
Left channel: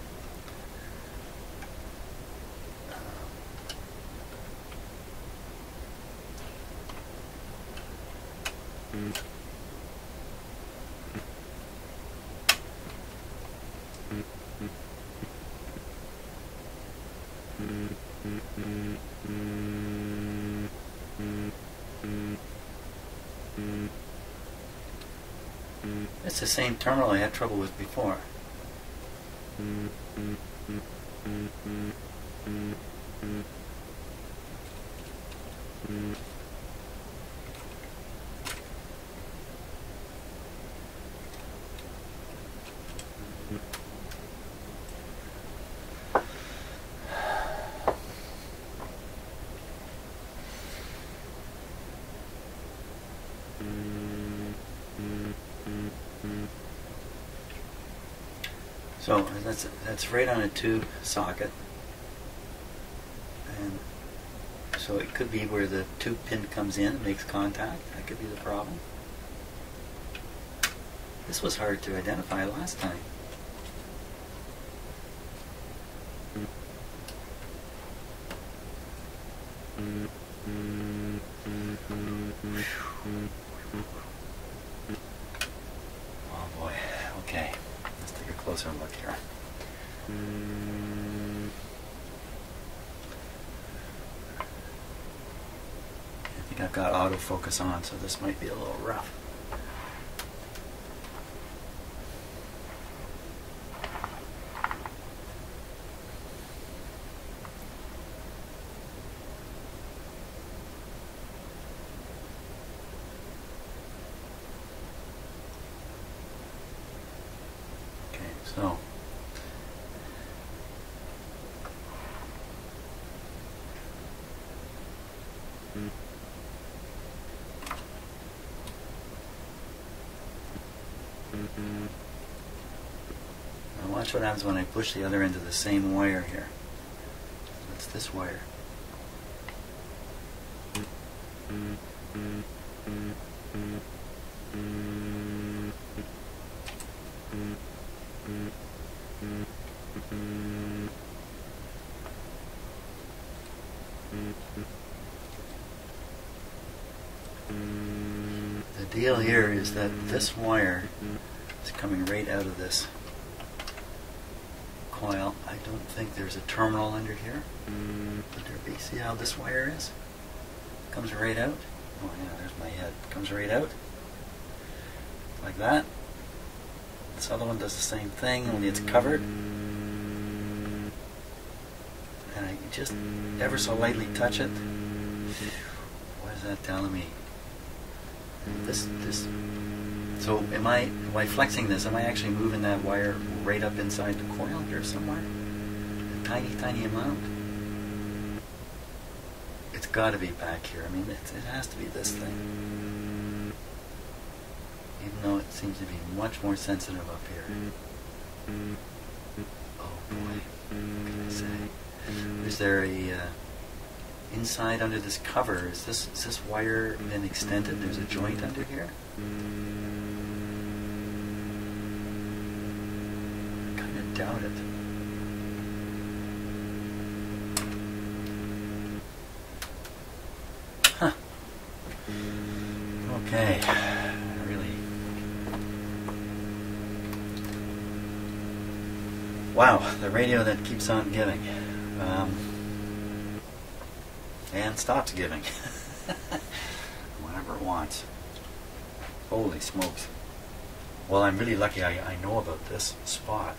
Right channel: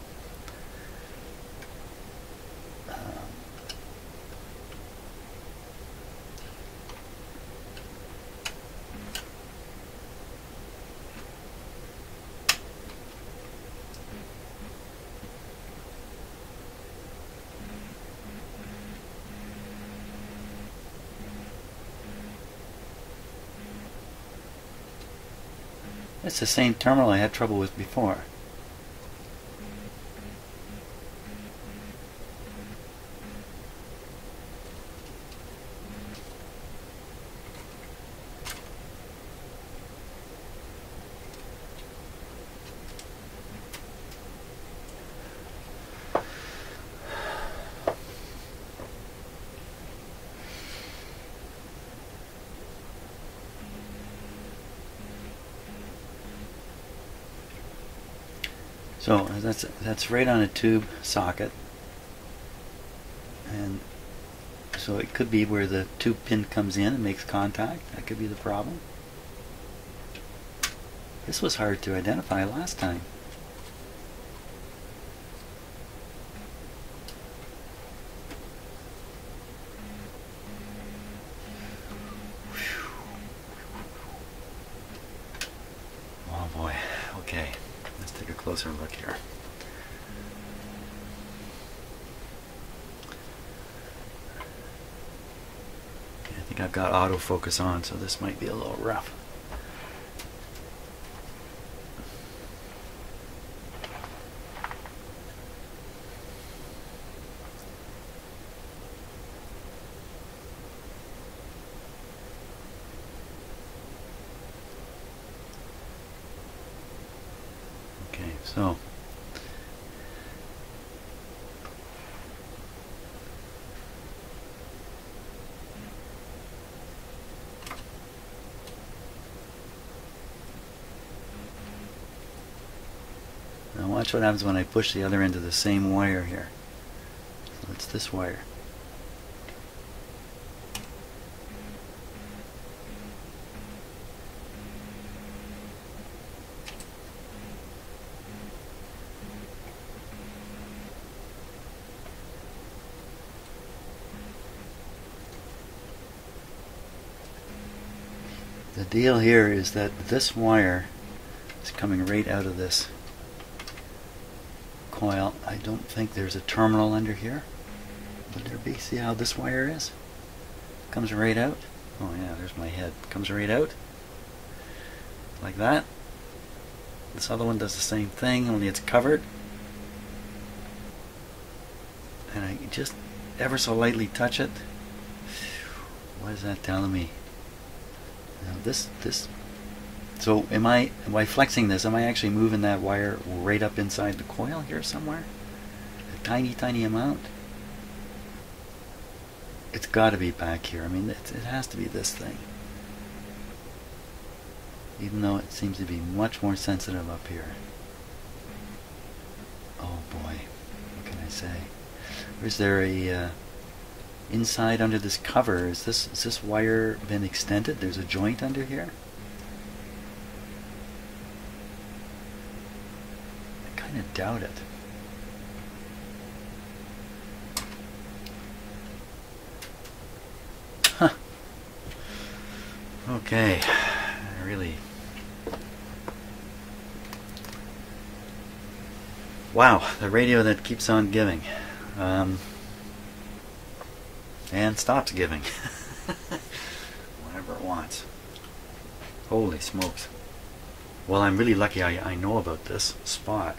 It's the same terminal I had trouble with before. So that's right on a tube socket, and so it could be where the tube pin comes in and makes contact. That could be the problem. This was hard to identify last time. Oh boy. Okay. Let's take a closer look here. I think I've got autofocus on, so this might be a little rough. So, now watch what happens when I push the other end of the same wire here. So it's this wire. The deal here is that this wire is coming right out of this coil. I don't think there's a terminal under here. Would there be? See how this wire is? Comes right out. Oh yeah, there's my head. Comes right out. Like that. This other one does the same thing, only it's covered. And I just ever so lightly touch it. What is that telling me? So by flexing this, am I actually moving that wire right up inside the coil here somewhere? A tiny, tiny amount? It's got to be back here. I mean, it has to be this thing. Even though it seems to be much more sensitive up here. Oh boy, what can I say? Is there a inside under this cover, is this wire been extended? There's a joint under here? I kind of doubt it. Huh. Okay. Really. Wow, the radio that keeps on giving. And stops giving. Whenever it wants. Holy smokes. Well, I'm really lucky I know about this spot.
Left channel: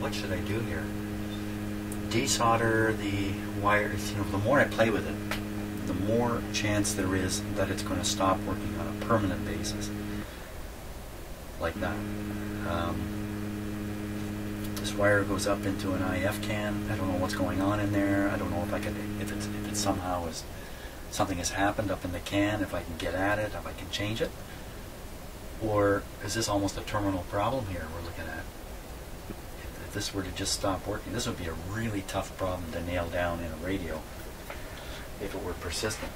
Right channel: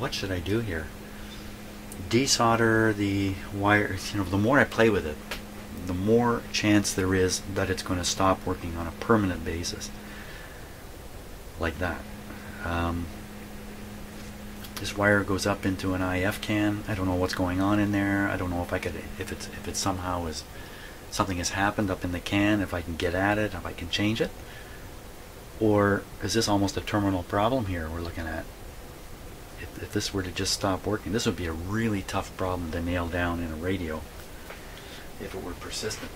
What should I do here? Desolder the wires. You know, the more I play with it, the more chance there is that it's going to stop working on a permanent basis. Like that. This wire goes up into an IF can. I don't know what's going on in there. I don't know if I could, if it somehow is something has happened up in the can. If I can get at it, if I can change it, or is this almost a terminal problem here we're looking at? If this were to just stop working, this would be a really tough problem to nail down in a radio if it were persistent.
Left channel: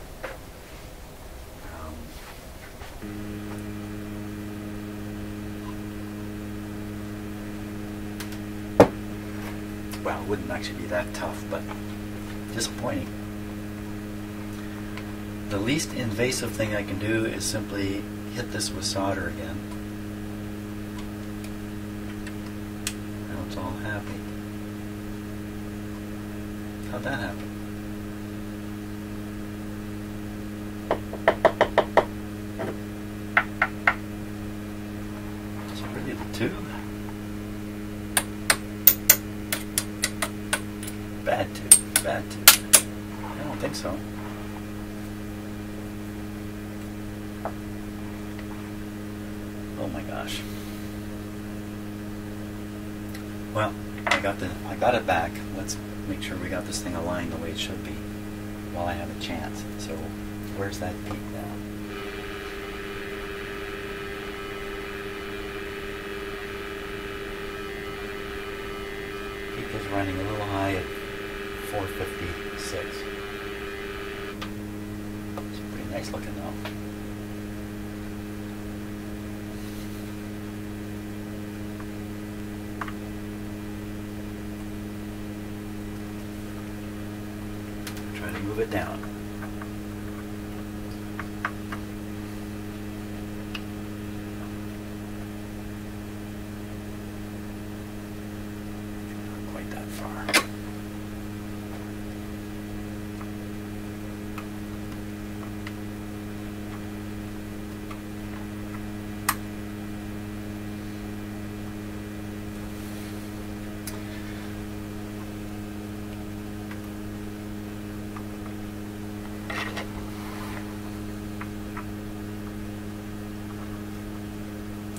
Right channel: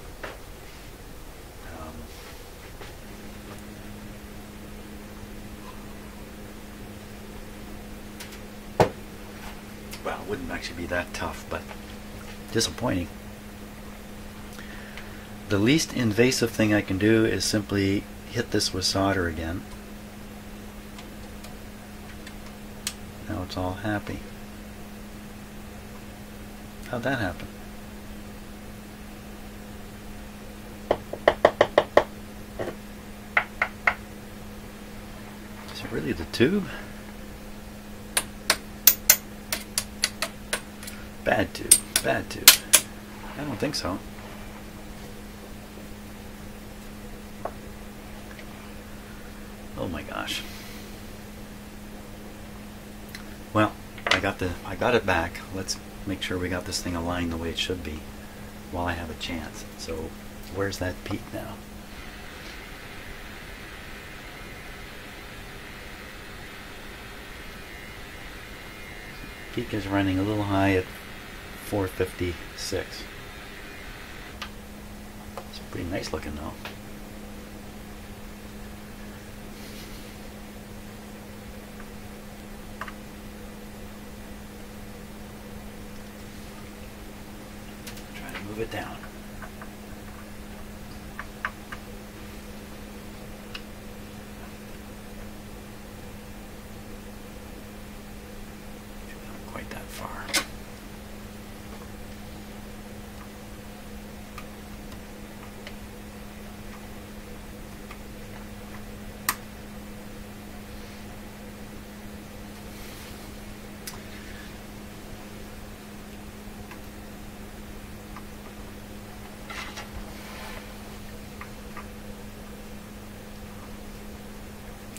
Well, it wouldn't actually be that tough, but disappointing. The least invasive thing I can do is simply hit this with solder again. Now it's all happy. How'd that happen? Is it really the tube? Bad tube, bad tube. I don't think so. Oh my gosh. Well, I got it back. Let's make sure we got this thing aligned the way it should be while I have a chance. So, where's that peak now? Peak is running a little high at 456. It's pretty nice looking though. Try to move it down. Not quite that far.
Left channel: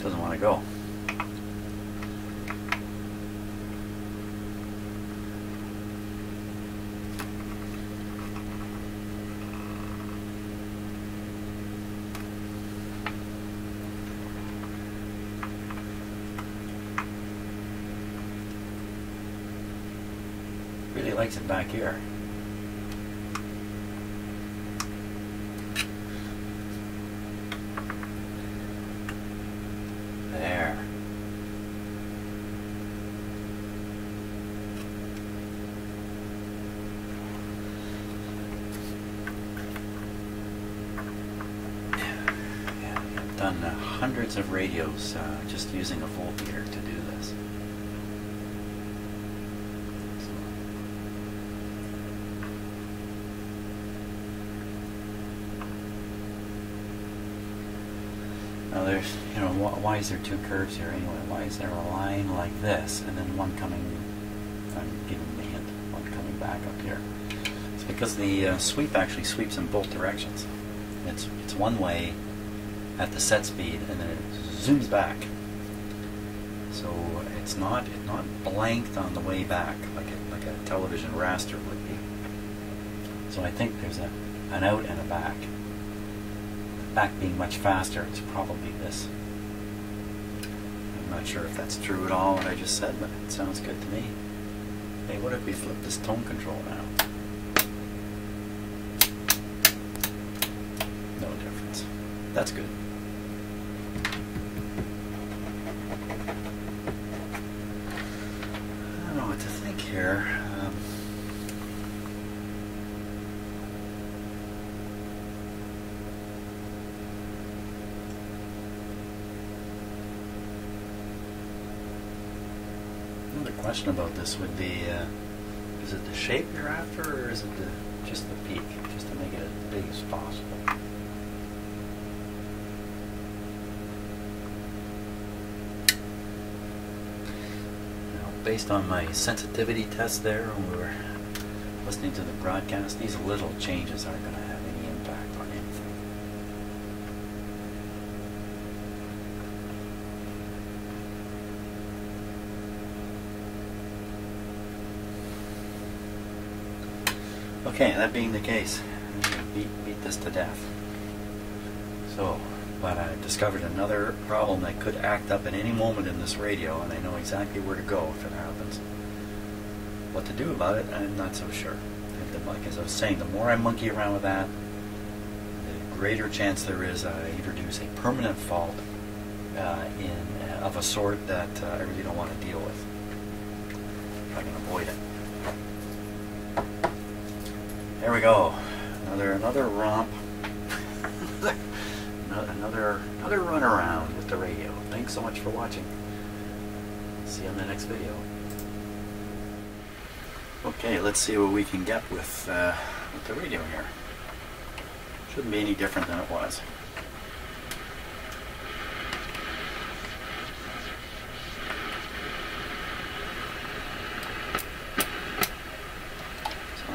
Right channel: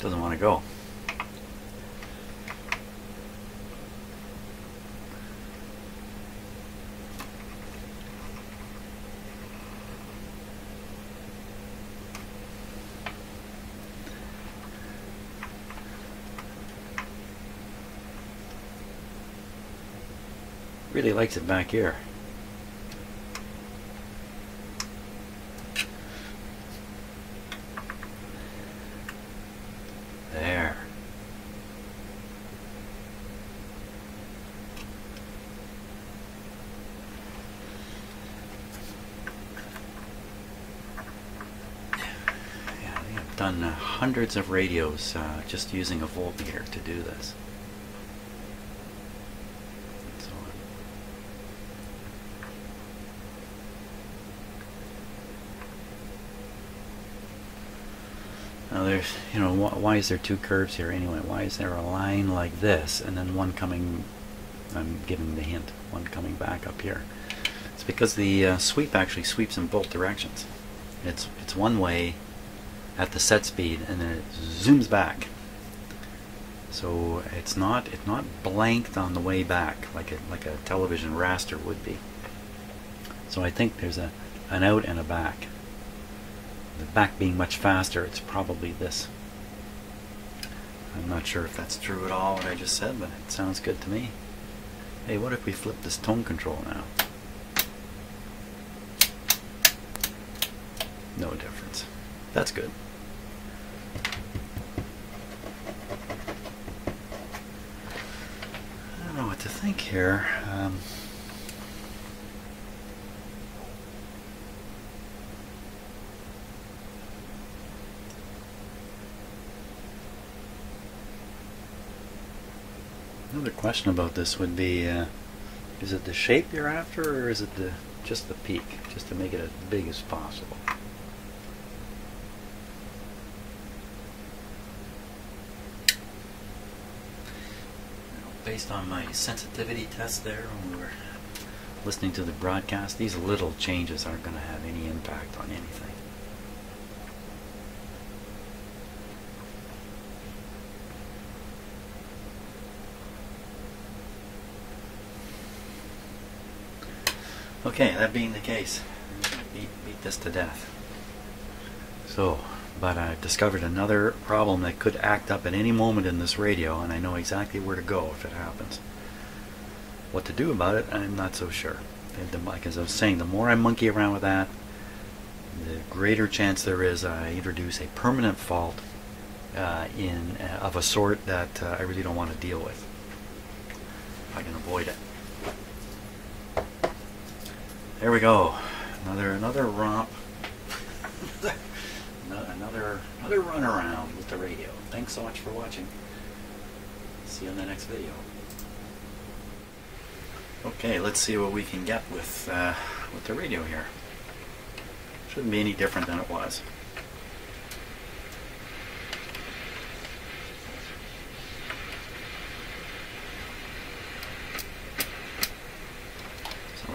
Doesn't want to go. Really likes it back here. There. Yeah, I've done hundreds of radios just using a voltmeter to do this. Now there's, you know, why is there two curves here anyway? Why is there a line like this and then one coming, I'm giving the hint, one coming back up here? It's because the sweep actually sweeps in both directions. It's one way at the set speed and then it zooms back. So it's not blanked on the way back like a television raster would be. So I think there's an out and a back. Back being much faster, it's probably this. I'm not sure if that's true at all what I just said, but it sounds good to me. Hey, what if we flip this tone control now? No difference. That's good. I don't know what to think here. Another question about this would be, is it the shape you're after, or is it just the peak, just to make it as big as possible? Now, based on my sensitivity test there when we were listening to the broadcast, these little changes aren't going to have any impact on anything. Okay, that being the case, beat this to death. So, but I've discovered another problem that could act up at any moment in this radio, and I know exactly where to go if it happens. What to do about it, I'm not so sure. Like as I was saying, the more I monkey around with that, the greater chance there is I introduce a permanent fault of a sort that I really don't want to deal with, if I can avoid it. There we go. Another romp. another run around with the radio. Thanks so much for watching. See you on the next video. Okay, let's see what we can get with the radio here. Shouldn't be any different than it was.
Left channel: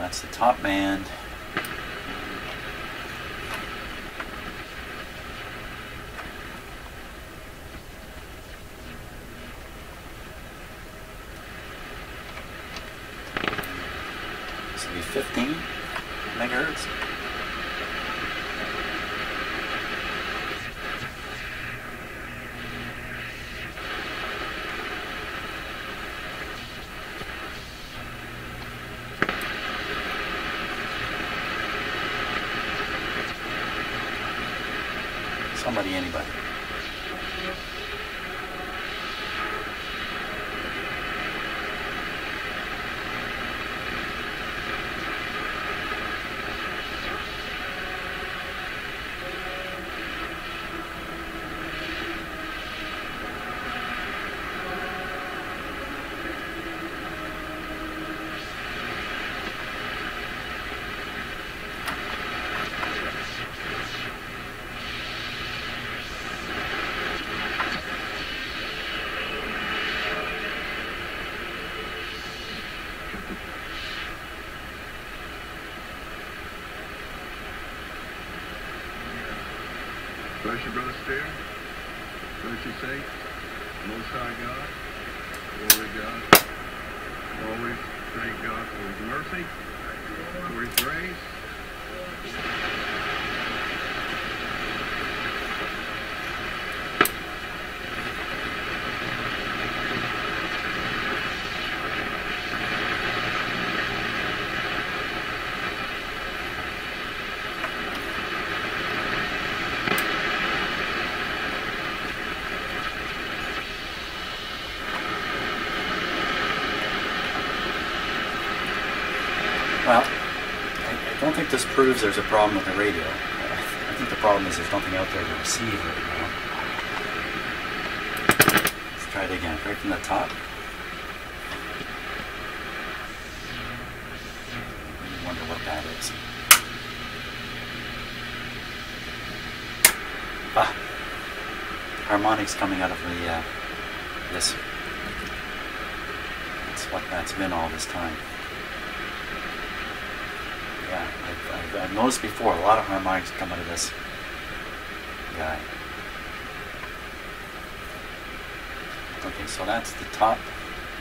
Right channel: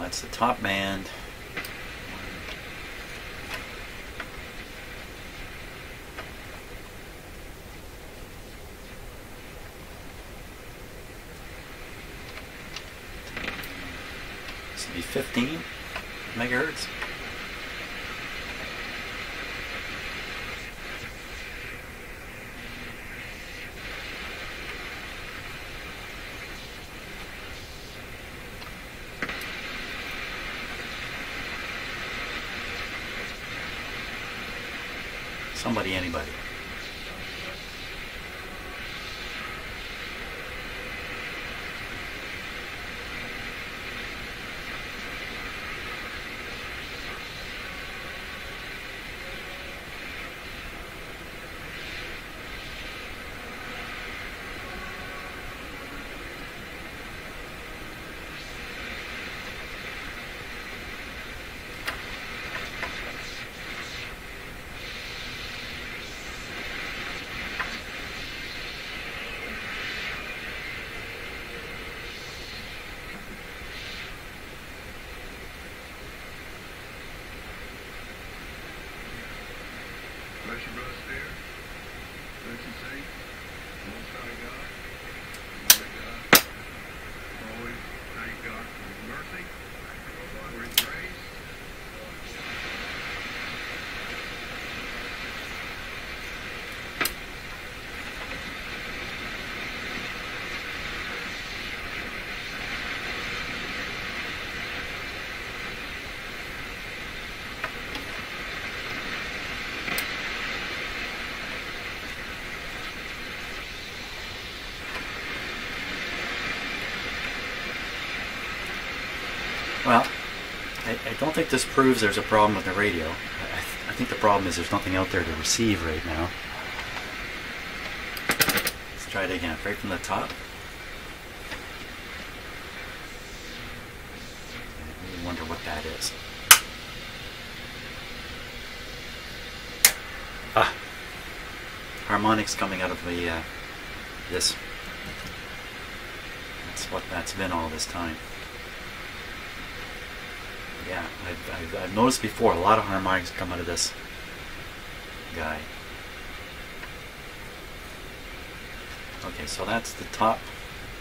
That's the top band. This will be 15 megahertz. Somebody, anybody. Bless you, Brother Stair. Bless you, say, Most High God, glory to God. Always thank God for His mercy, for His grace. Well, I don't think this proves there's a problem with the radio. I think the problem is there's nothing out there to receive right now. Let's try it again, right from the top. I really wonder what that is. Ah, harmonics coming out of the this. That's what that's been all this time. Yeah, I've noticed before a lot of harmonics come out of this guy. Okay, so that's the top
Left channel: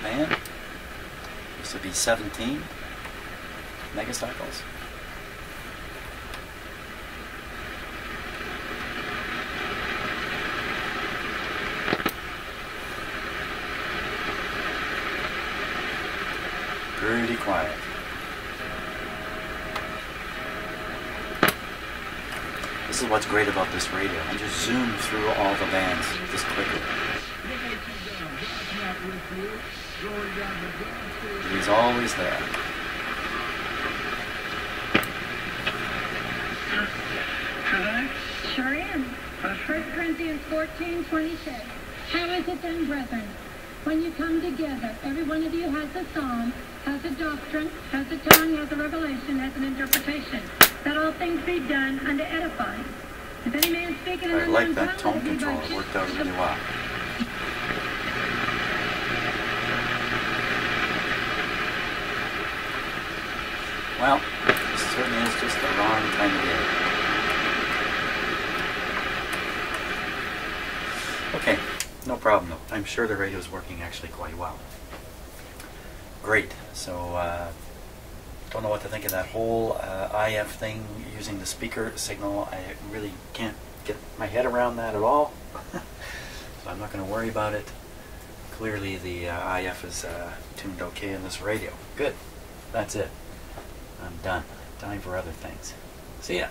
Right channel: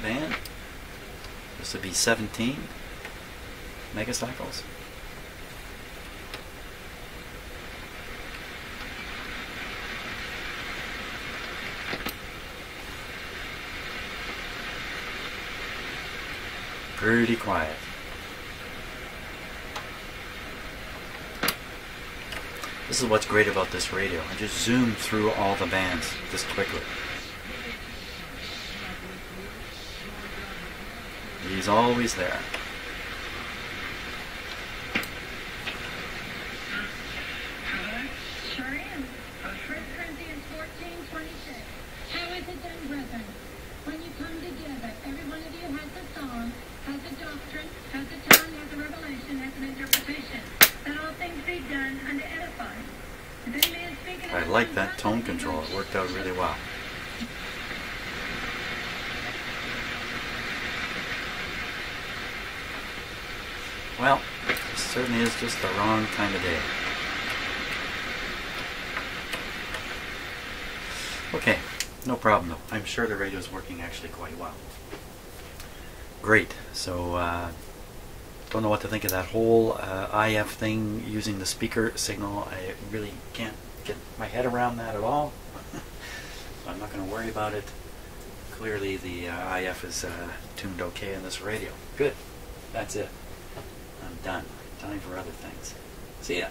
band. This would be 17 megacycles. pretty quiet. This is what's great about this radio. I just zoom through all the bands just quickly. He's always there. Sure am. 1 Corinthians 14:26. How is it then, brethren? When you come together, every one of you has a psalm, has a doctrine, has a tongue, has a revelation, has an interpretation. That all things be done unto edifying. If any man speak in I an like unknown that tongue, tone let it be control. by It worked out really well. Well, it certainly is just the wrong time of day. Okay, no problem though. I'm sure the radio is working actually quite well. Great. So, don't know what to think of that whole IF thing using the speaker signal. I really can't get my head around that at all. So I'm not going to worry about it. Clearly the IF is tuned okay in this radio. Good. That's it. I'm done. Time for other things. See ya.